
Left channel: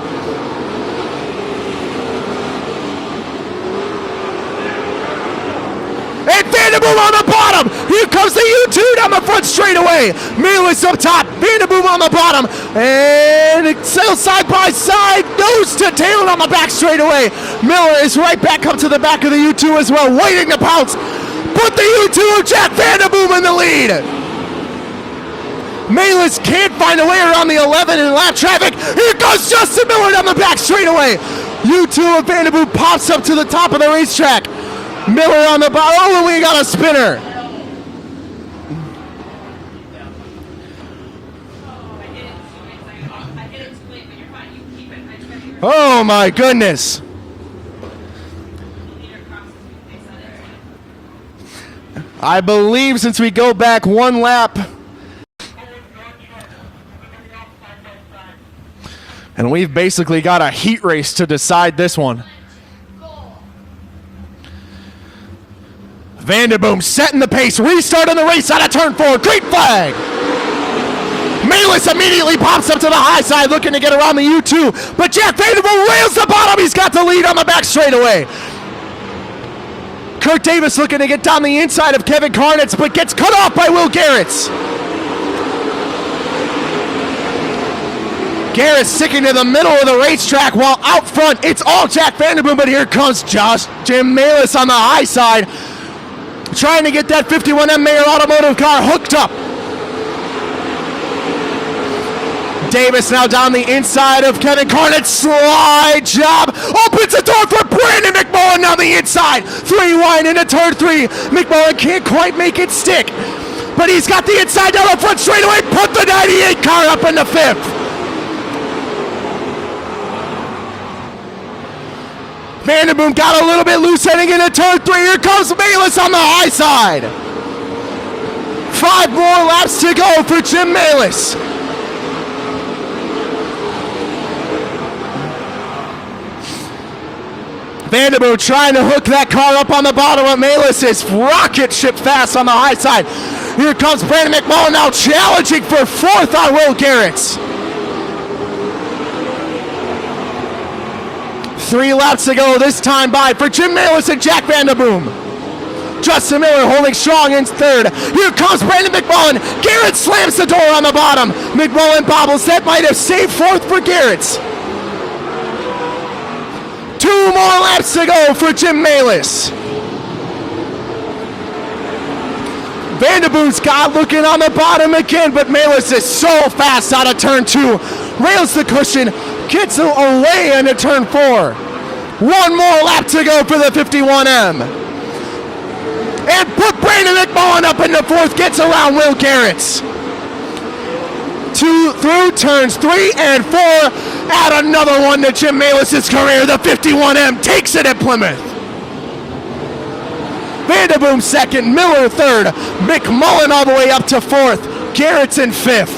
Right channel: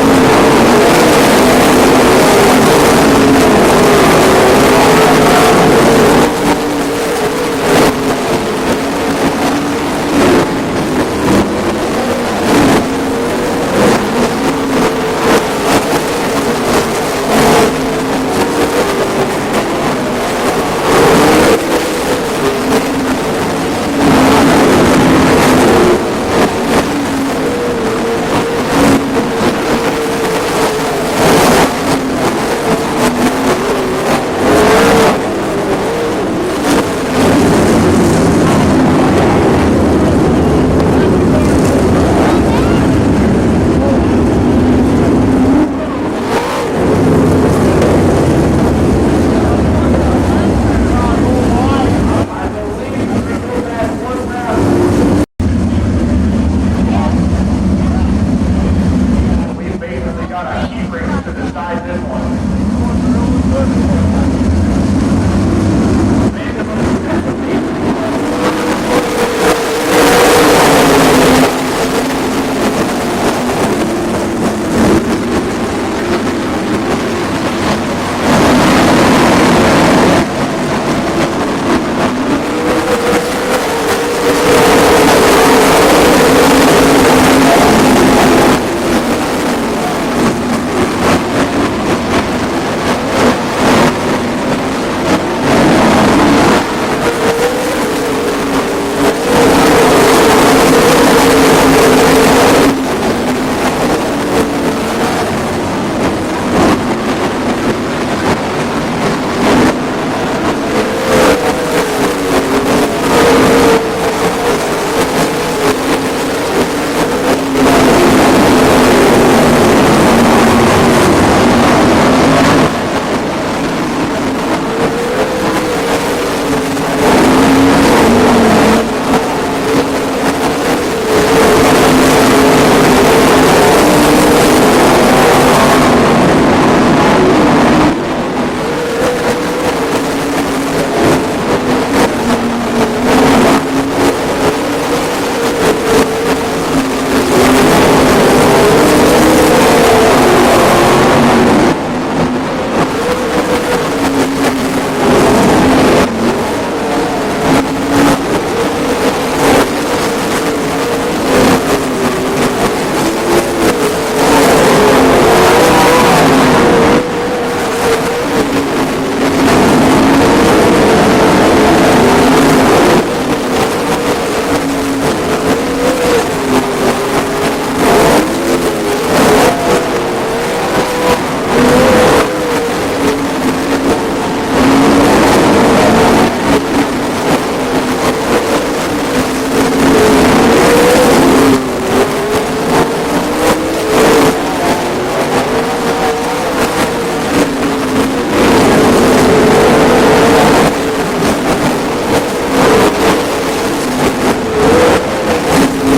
Vanderboom on the bottom. Here comes the U2 down the front straightaway. Malus up top. Vanderboom on the bottom. And it's still side by side. Nose to tail on the back straightaway. Miller is right back up to the back of the U2 as well, waiting to pounce. Put the U2 of Jack Vanderboom in the lead. Malus can't find a way around the 11 in lap traffic. Here goes Justin Miller down the back straightaway. U2 of Vanderboom pops up to the top of the racetrack. Miller on the bottom. Oh, and we got a spinner. Oh my goodness. I believe since we go back one lap, and we've basically got a heat race to decide this one. Vanderboom setting the pace, restarting the race out of turn 4, green flag. Malus immediately pops up to the high side looking to get around the U2, but Jack Vanderboom rails the bottom, he's got the lead on the back straightaway. Kurt Davis looking to get down the inside of Kevin Carnett, but gets cut off by Will Garrett's. Garrett sticking to the middle of the racetrack while out front it's all Jack Vanderboom, but here comes Jim Malis on the high side, trying to get that 51M Mayer Automotive car hooked up. Davis now down the inside of Kevin Carnett, slide job, opens the door for Brandon McMullen down the inside, 3 wide into turn 3. McMullen can't quite make it stick, but he's got the inside down the front straightaway, put the 98 car up into 5th. Vanderboom got a little bit loose heading into turn 3. Here comes Malis on the high side. 5 more laps to go for Jim Malis. Vanderboom trying to hook that car up on the bottom of Malis' rocket ship fast on the high side. Here comes Brandon McMullen now challenging for 4th on Will Garrett's. 3 laps to go this time by for Jim Malis and Jack Vanderboom. Justin Miller holding strong in 3rd. Here comes Brandon McMullen. Garrett slams the door on the bottom. McMullen bobbles. That might have saved 4th for Garrett. 2 more laps to go for Jim Malis. Vanderboom's got looking on the bottom again, but Malis is so fast out of turn 2. Rails the cushion, gets away into turn 4. 1 more lap to go for the 51M. And put Brandon McMullen up into 4th, gets around Will Garrett's. 2 through turns 3 and 4. Add another one to Jim Malis' career. The 51M takes it at Plymouth. Vanderboom 2nd, Miller 3rd, McMullen all the way up to 4th, Garrett's in 5th.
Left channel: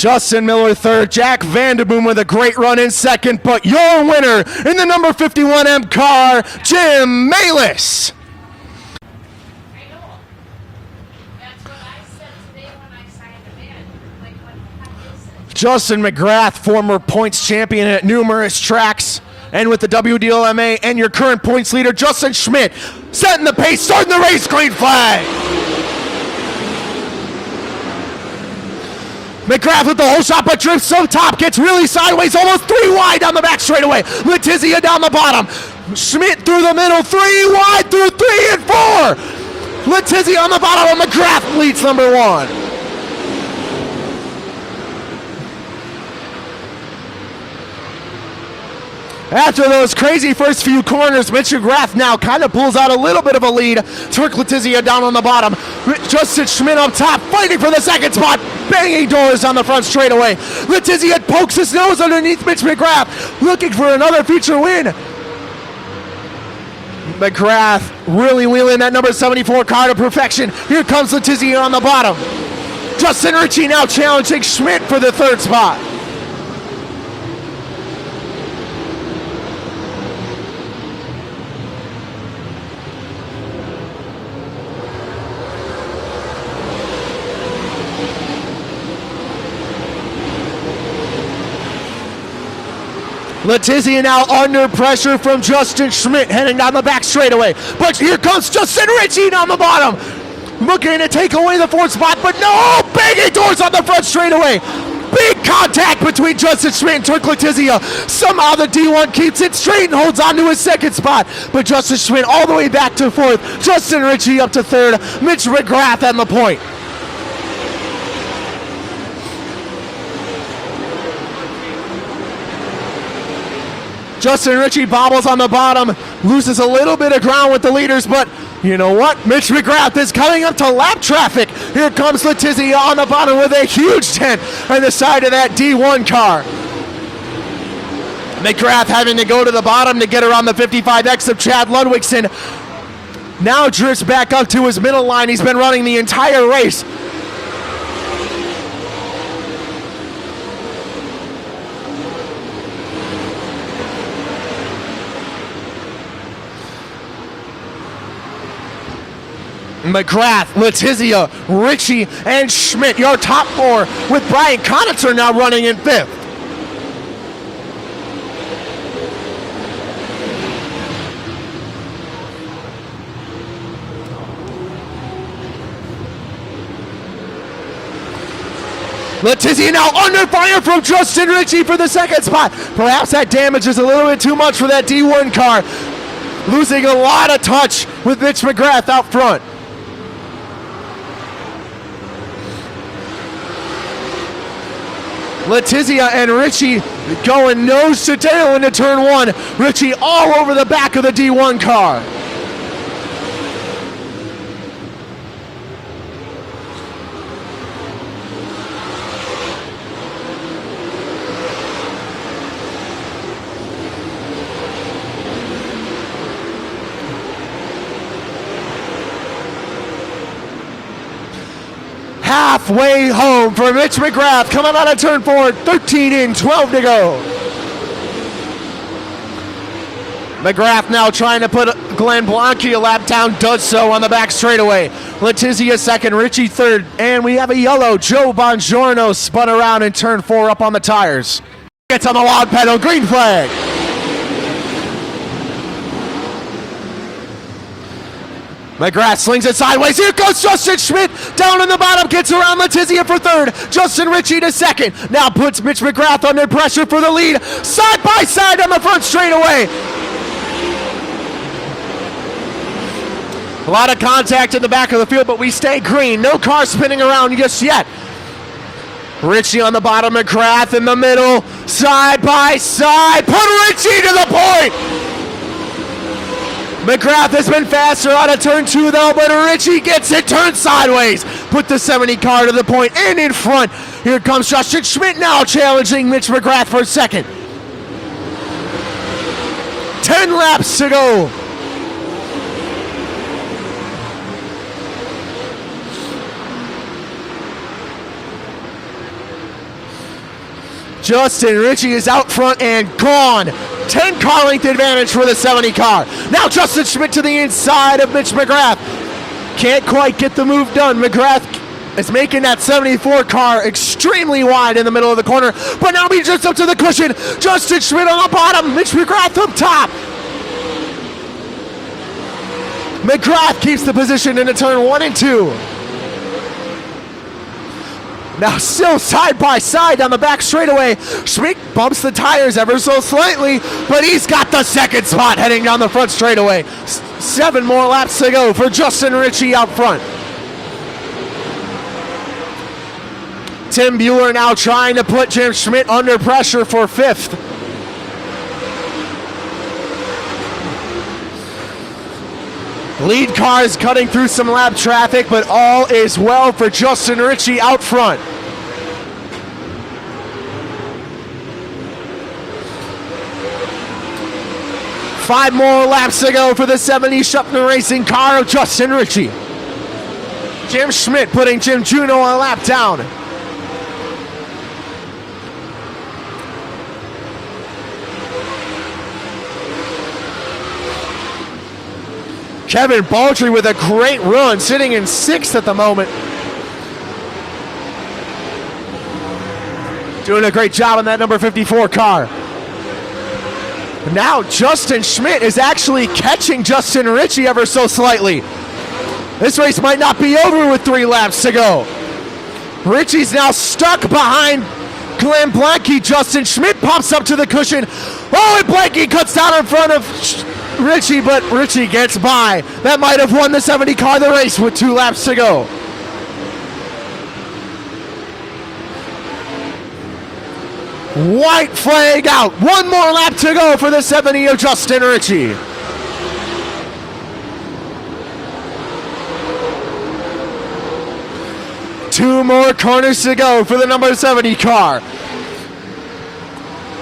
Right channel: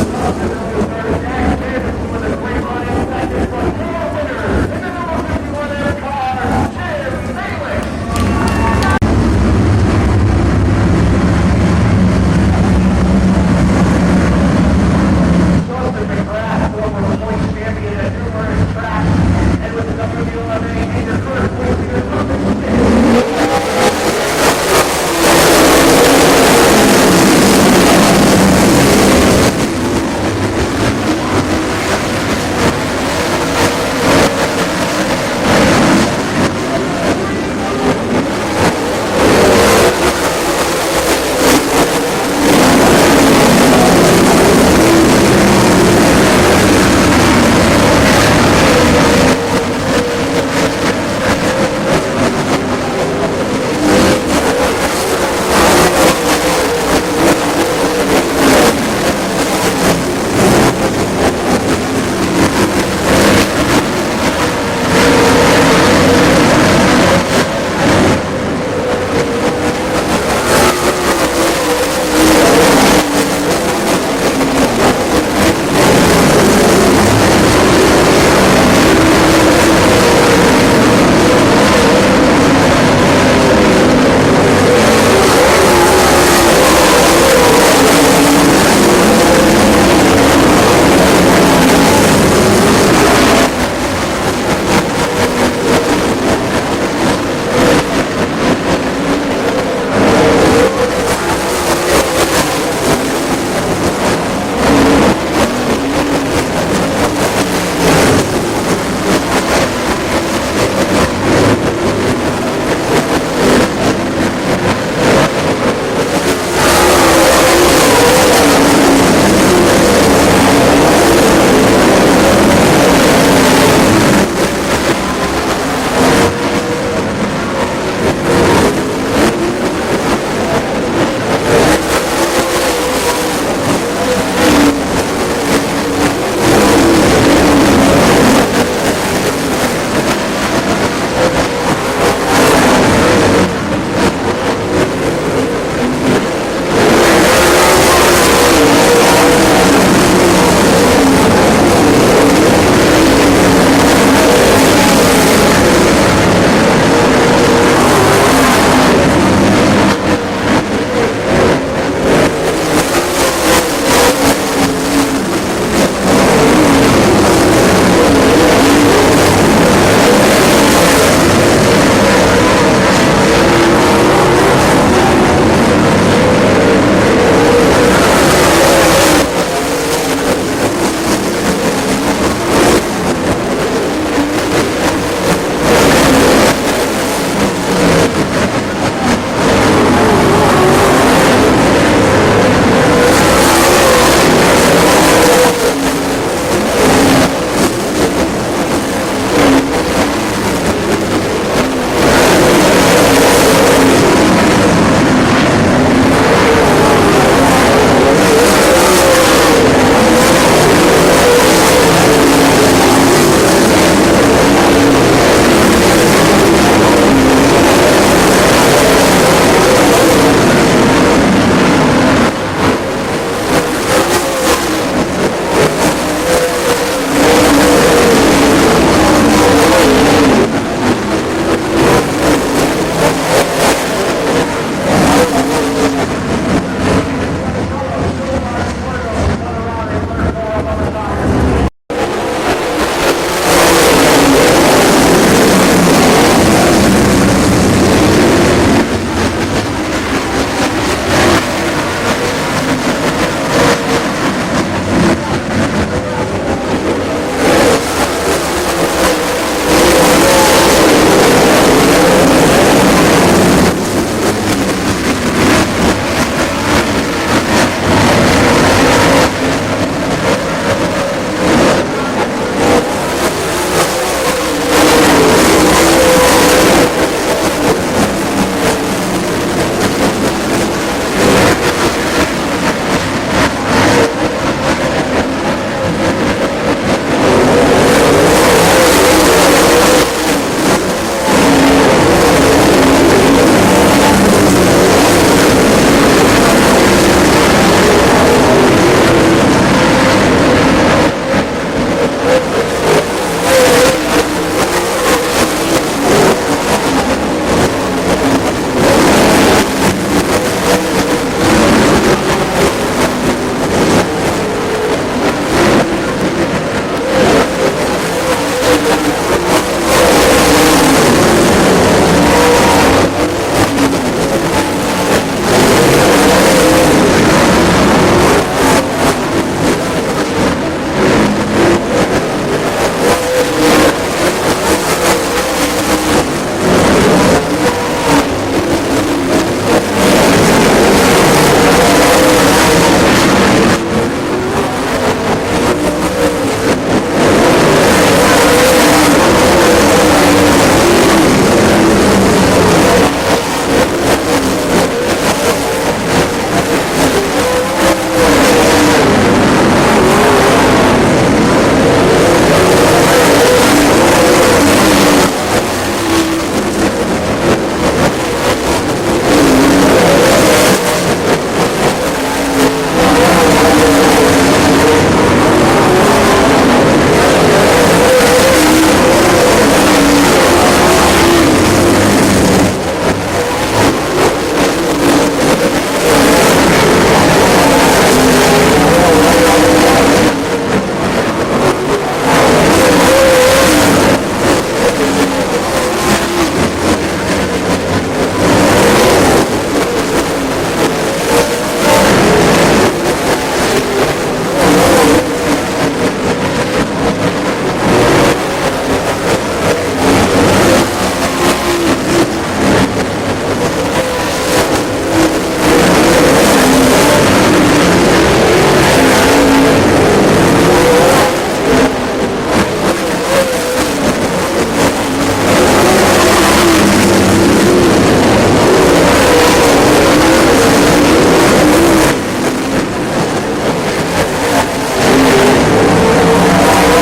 Justin Miller 3rd, Jack Vanderboom with a great run in 2nd, but your winner in the number 51M car, Jim Malis. Justin McGrath, former points champion at numerous tracks, and with the WDLMA, and your current points leader, Justin Schmidt, setting the pace, starting the race, green flag. McGrath with the whole shot, but drifts on top, gets really sideways, almost 3 wide down the back straightaway. Letizia down the bottom. Schmidt through the middle, 3 wide through 3 and 4. Letizia on the bottom of McGrath leads number 1. After those crazy first few corners, Mitch McGrath now kind of pulls out a little bit of a lead. Towards Letizia down on the bottom. Justin Schmidt up top, fighting for the 2nd spot. Banging doors on the front straightaway. Letizia pokes his nose underneath Mitch McGrath, looking for another future win. McGrath really wheeling that number 74 car to perfection. Here comes Letizia on the bottom. Justin Ritchie now challenging Schmidt for the 3rd spot. Letizia now under pressure from Justin Schmidt, headed down the back straightaway. But here comes Justin Ritchie on the bottom. Looking to take away the 4th spot, but no! Banging doors on the front straightaway. Big contact between Justin Schmidt and Letizia. Somehow the D1 keeps it straight and holds on to his 2nd spot. With Justin Schmidt all the way back to 4th. Justin Ritchie up to 3rd. Mitch McGrath at the point. Justin Ritchie bobbles on the bottom, loses a little bit of ground with the leaders, but you know what? Mitch McGrath is coming up to lap traffic. Here comes Letizia on the bottom with a huge dent by the side of that D1 car. McGrath having to go to the bottom to get around the 55X of Chad Ludwigson. Now drifts back up to his middle line. He's been running the entire race. Letizia, Ritchie, and Schmidt, your top 4, with Brian Conitzer now running in 5th. now under fire from Justin Ritchie for the second spot. Perhaps that damage is a little bit too much for that D1 car. Losing a lot of touch with Mitch McGrath out front. Letizia and Ritchie going nose to tail into turn one. Ritchie all over the back of the D1 car. Halfway home for Mitch McGrath coming out of turn four, 13 in, 12 to go. McGrath now trying to put Glenn Blanke a lap down, does so on the back straightaway. Letizia second, Ritchie third, and we have a yellow. Joe Bongiorno spun around in turn four up on the tires. Gets on the log pedal, green flag. McGrath slings it sideways. Here goes Justin Schmidt down in the bottom, gets around Letizia for third. Justin Ritchie to second. Now puts Mitch McGrath under pressure for the lead. Side by side on the front straightaway. A lot of contact in the back of the field, but we stay green. No car spinning around just yet. Ritchie on the bottom, McGrath in the middle. Side by side. Put Ritchie to the point. McGrath has been faster out of turn two though, but Ritchie gets it, turns sideways with the 70 car to the point and in front. Here comes Justin Schmidt now challenging Mitch McGrath for second. 10 laps to go. Justin Ritchie is out front and gone. 10 car length advantage for the 70 car. Now Justin Schmidt to the inside of Mitch McGrath. Can't quite get the move done. McGrath is making that 74 car extremely wide in the middle of the corner. But now he just up to the cushion. Justin Schmidt on the bottom. Mitch McGrath up top. McGrath keeps the position into turn one and two. Now still side by side on the back straightaway. Schmidt bumps the tires ever so slightly, but he's got the second spot heading down the front straightaway. 7 more laps to go for Justin Ritchie out front. Tim Mueller now trying to put Jim Schmidt under pressure for fifth. Lead cars cutting through some lap traffic, but all is well for Justin Ritchie out front. Five more laps to go for the 70 Shuffler Racing car of Justin Ritchie. Jim Schmidt putting Jim Juno on a lap down. Kevin Baldry with a great run, sitting in 6th at the moment. Doing a great job on that number 54 car. Now Justin Schmidt is actually catching Justin Ritchie ever so slightly. This race might not be over with 3 laps to go. Ritchie's now stuck behind Glenn Blanke. Justin Schmidt pops up to the cushion. Oh, and Blanke cuts down in front of Ritchie, but Ritchie gets by. That might have won the 70 car the race with 2 laps to go. White flag out. 1 more lap to go for the 70 of Justin Ritchie. More corners to go for the number 70 car.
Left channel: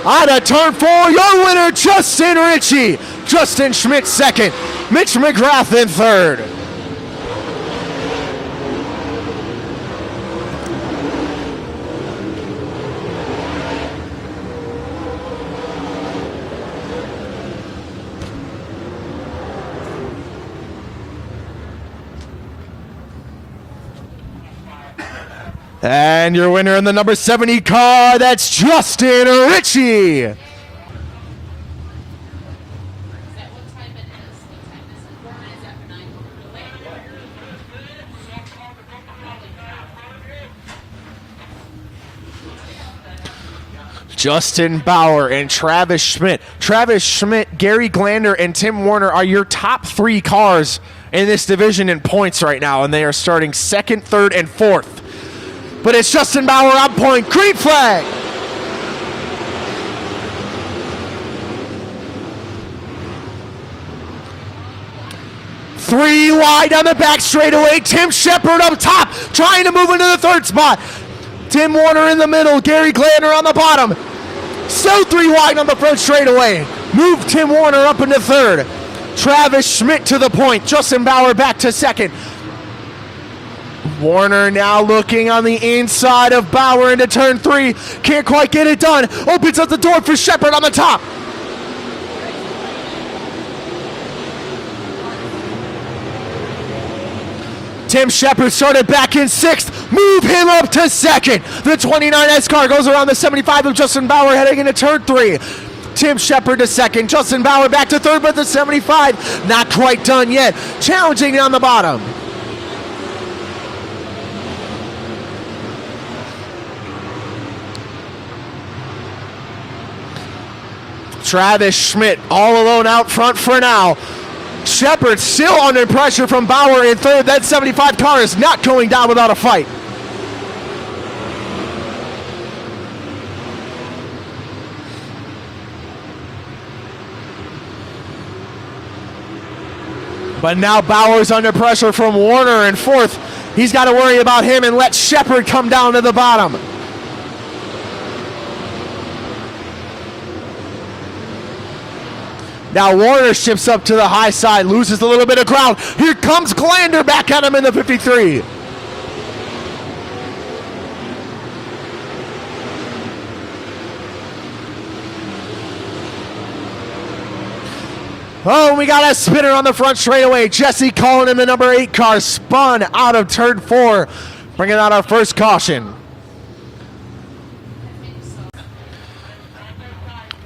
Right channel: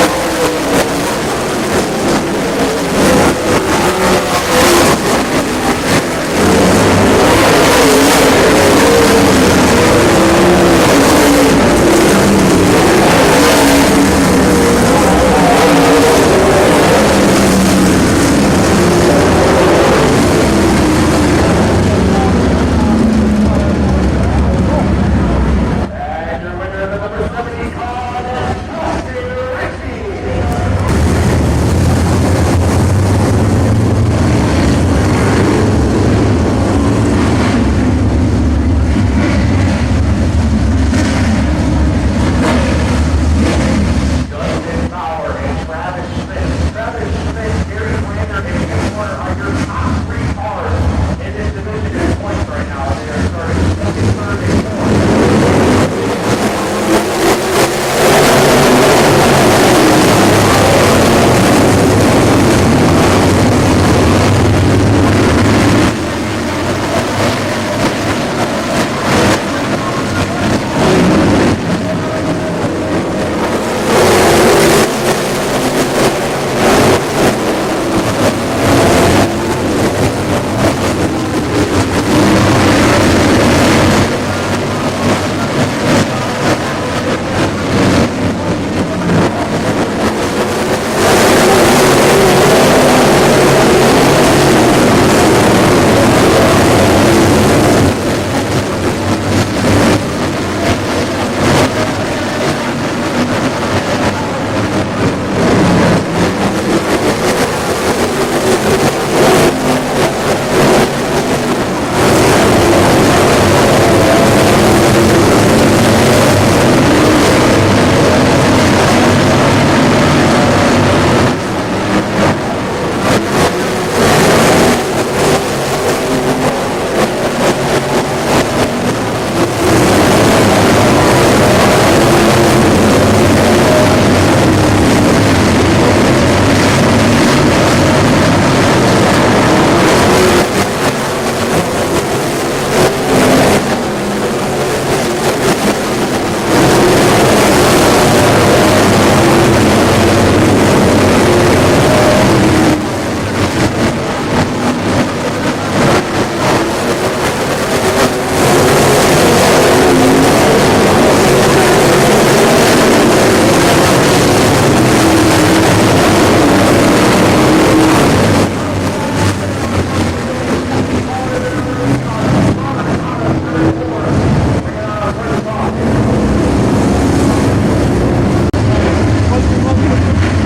Out of turn 4, your winner, Justin Ritchie. Justin Schmidt second. Mitch McGrath in third. And your winner in the number 70 car, that's Justin Ritchie. Justin Bauer and Travis Schmidt. Travis Schmidt, Gary Glander, and Tim Warner are your top 3 cars in this division in points right now, and they are starting second, third, and fourth. But it's Justin Bauer on point. Green flag. 3 wide on the back straightaway. Tim Shepard up top, trying to move into the 3rd spot. Tim Warner in the middle, Gary Glander on the bottom. Still 3 wide on the front straightaway. Move Tim Warner up into 3rd. Travis Schmidt to the point. Justin Bauer back to 2nd. Warner now looking on the inside of Bauer into turn 3. Can't quite get it done. Opens up the door for Shepard on the top. Tim Shepard started back in 6th. Move him up to 2nd. The 29S car goes around the 75 of Justin Bauer heading into turn 3. Tim Shepard to 2nd. Justin Bauer back to 3rd with the 75. Not quite done yet. Challenging on the bottom. Travis Schmidt all alone out front for now. Shepard still under pressure from Bauer in 3rd. That 75 car is not going down without a fight. But now Bauer's under pressure from Warner in 4th. He's got to worry about him and let Shepard come down to the bottom. Now Warner shifts up to the high side, loses a little bit of ground. Here comes Glander back at him in the 53. Oh, we got a spinner on the front straightaway. Jesse Cullen in the number 8 car spun out of turn 4, bringing out our first caution.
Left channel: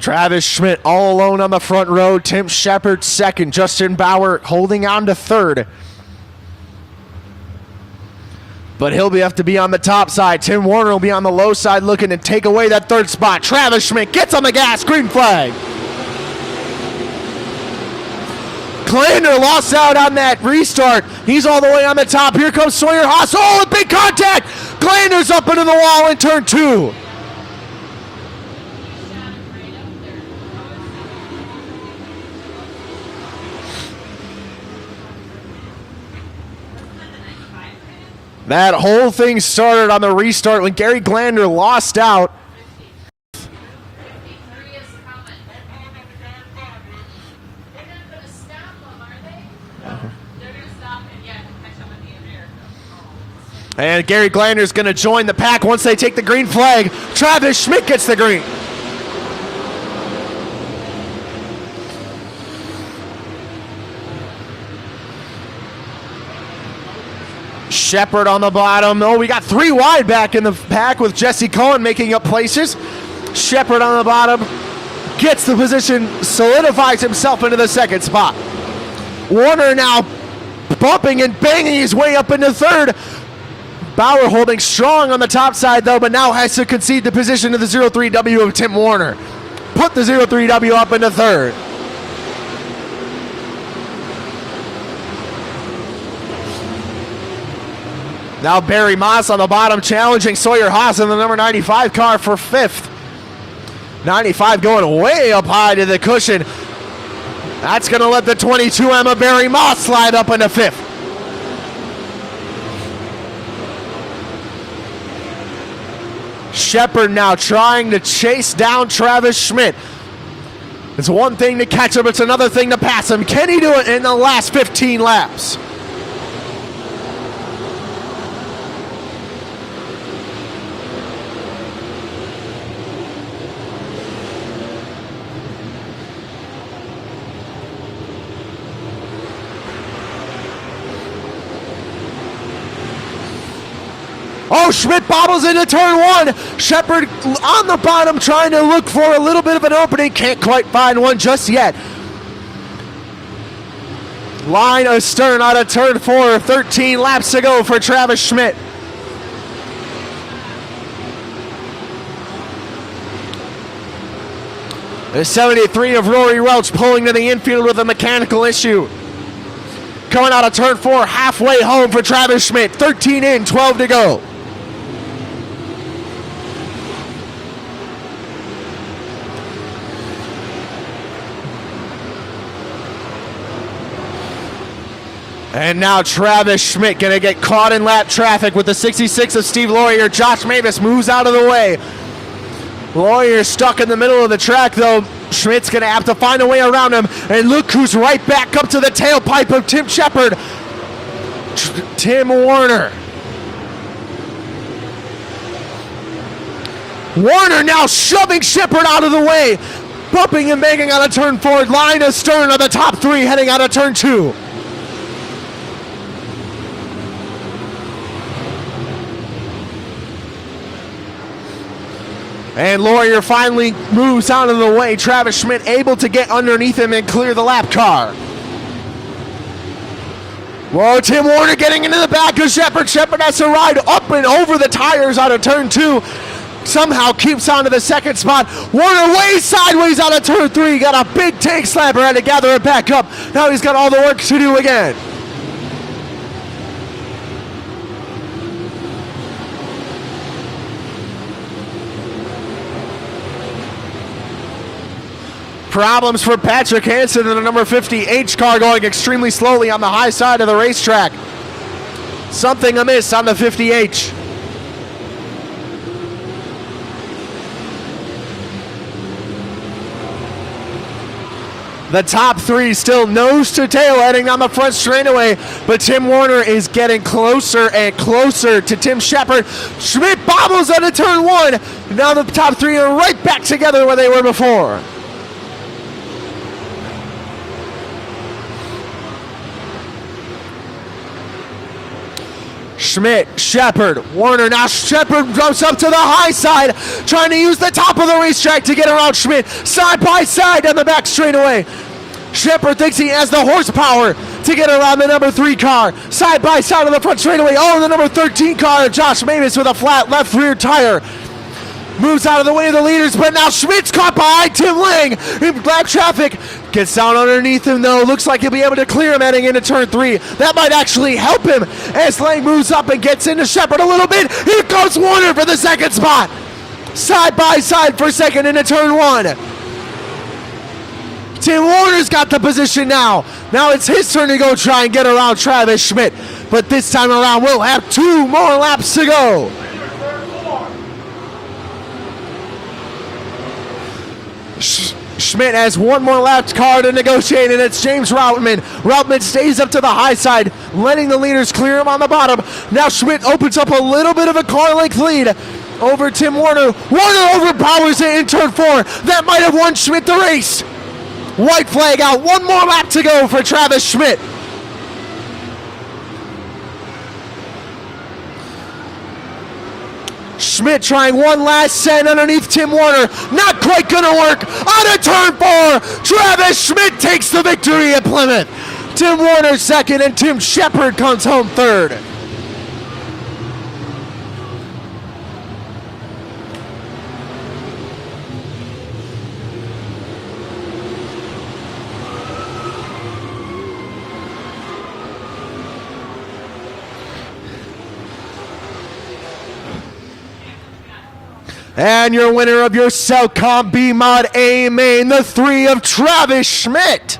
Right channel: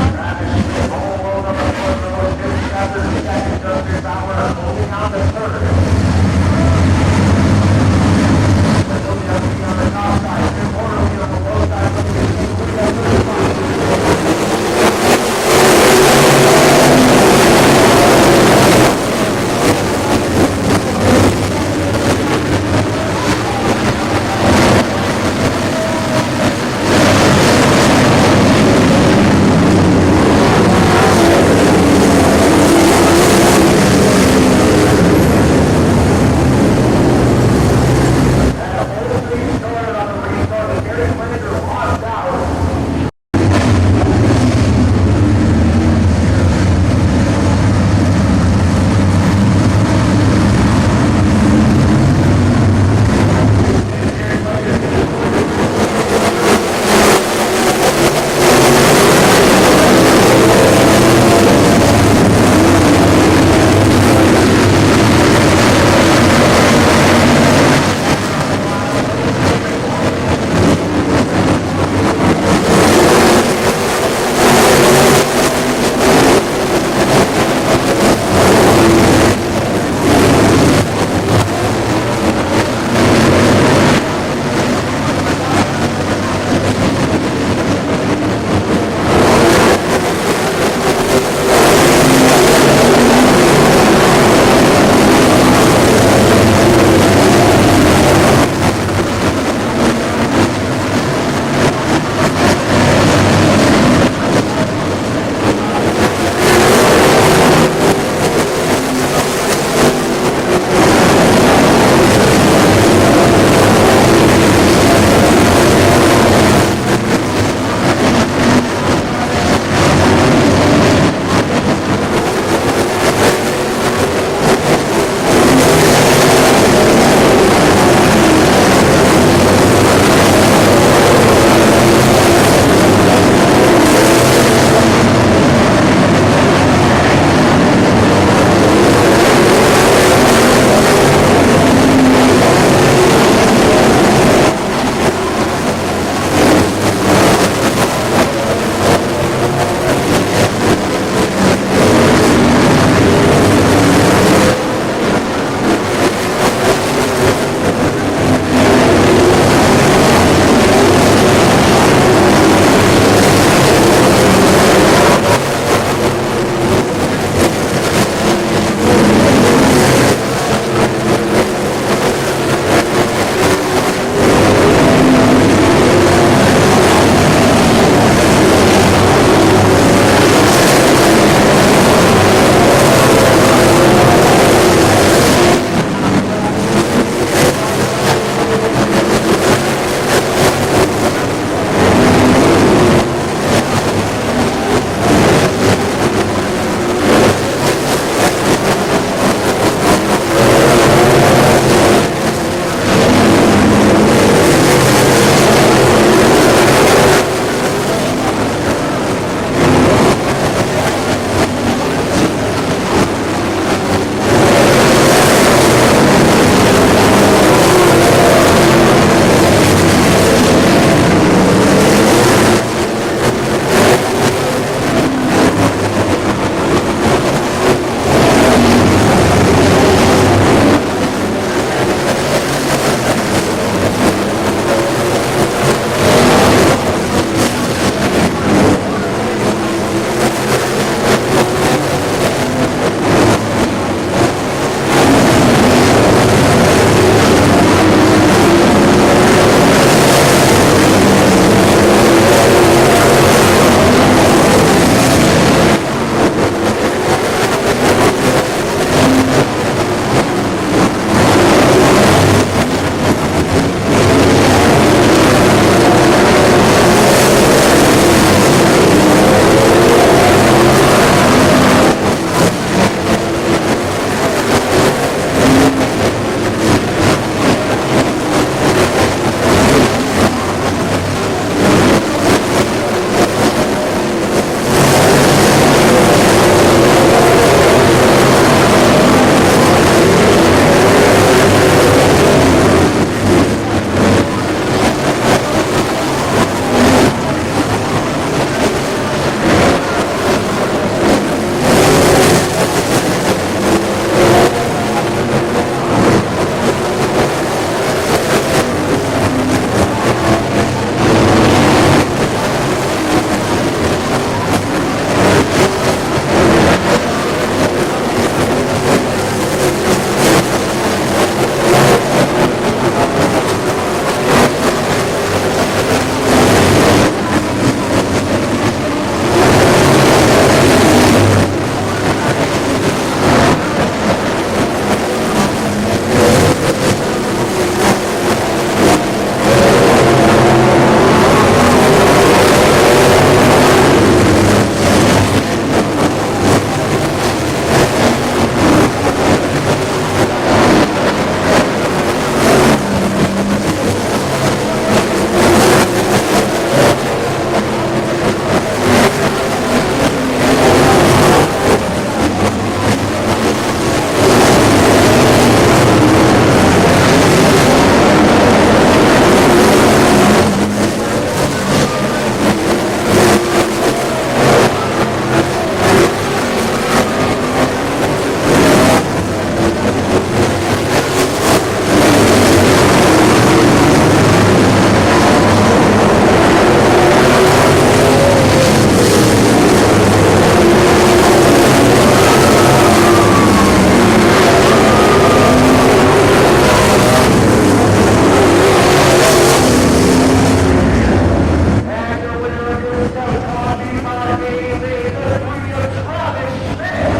Travis Schmidt all alone on the front row. Tim Shepard 2nd. Justin Bauer holding on to 3rd. But he'll have to be on the top side. Tim Warner will be on the low side looking to take away that 3rd spot. Travis Schmidt gets on the gas. Green flag. Glander lost out on that restart. He's all the way on the top. Here comes Sawyer Haas. Oh, with big contact. Glander's up into the wall in turn 2. That whole thing started on the restart when Gary Glander lost out. And Gary Glander's going to join the pack once they take the green flag. Travis Schmidt gets the green. Shepard on the bottom. Oh, we got 3 wide back in the pack with Jesse Cullen making up places. Shepard on the bottom. Gets the position, solidifies himself into the 2nd spot. Warner now bumping and banging his way up into 3rd. Bauer holding strong on the top side though, but now has to concede the position to the 03W of Tim Warner. Put the 03W up into 3rd. Now Barry Moss on the bottom challenging Sawyer Haas in the number 95 car for 5th. 95 going way up high to the cushion. That's going to let the 22 Emma Barry Moss slide up into 5th. Shepard now trying to chase down Travis Schmidt. It's one thing to catch him, it's another thing to pass him. Can he do it in the last 15 laps? Schmidt bobbles into turn 1. Shepard on the bottom trying to look for a little bit of an opening. Can't quite find one just yet. Line astern out of turn 4. 13 laps to go for Travis Schmidt. 3 of Rory Welch pulling to the infield with a mechanical issue. Going out of turn 4, halfway home for Travis Schmidt. 13 in, 12 to go. Travis Schmidt gonna get caught in lap traffic with the 66 of Steve Laurier. Josh Mavis moves out of the way. Laurier stuck in the middle of the track though. Schmidt's gonna have to find a way around him. And look who's right back up to the tailpipe of Tim Shepard. Tim Warner. Warner now shoving Shepard out of the way. Bumping and banging on a turn 4. Line astern on the top 3 heading out of turn 2. Laurier finally moves out of the way. Travis Schmidt able to get underneath him and clear the lap car. Oh, Tim Warner getting into the back of Shepard. Shepard has to ride up and over the tires out of turn 2. Somehow keeps on to the second spot. Warner way sideways out of turn 3. Got a big tank slammer, had to gather it back up. Now he's got all the work to do again. Problems for Patrick Hansen in the number 50H car going extremely slowly on the high side of the racetrack. Something amiss on the 50H. The top 3 still nose to tail heading on the front straightaway, but Tim Warner is getting closer and closer to Tim Shepard. Schmidt bobbles out of turn 1. Now the top 3 are right back together where they were before. Schmidt, Shepard, Warner. Now Shepard goes up to the high side, trying to use the top of the racetrack to get around Schmidt. Side by side on the back straightaway. Shepard thinks he has the horsepower to get around the number 3 car. Side by side on the front straightaway. Oh, the number 13 car, Josh Mavis with a flat left rear tire. Out of the way of the leaders, but now Schmidt's caught by Tim Lang in flat traffic. Gets down underneath him though. Looks like he'll be able to clear him heading into turn 3. That might actually help him as Lang moves up and gets into Shepard a little bit. Here goes Warner for the second spot. Side by side for second into turn 1. Tim Warner's got the position now. Now it's his turn to go try and get around Travis Schmidt. But this time around we'll have 2 more laps to go. Schmidt has 1 more lap car to negotiate, and it's James Routman. Routman stays up to the high side, letting the leaders clear him on the bottom. Now Schmidt opens up a little bit of a car-length lead over Tim Warner. Warner overpowers it in turn 4. That might have won Schmidt the race. White flag out. 1 more lap to go for Travis Schmidt. Schmidt trying one last set underneath Tim Warner. Not quite gonna work. On a turn 4, Travis Schmidt takes the victory at Plymouth. Tim Warner second and Tim Shepard comes home third. And your winner of your Southcom B-Mod A main, the 3 of Travis Schmidt.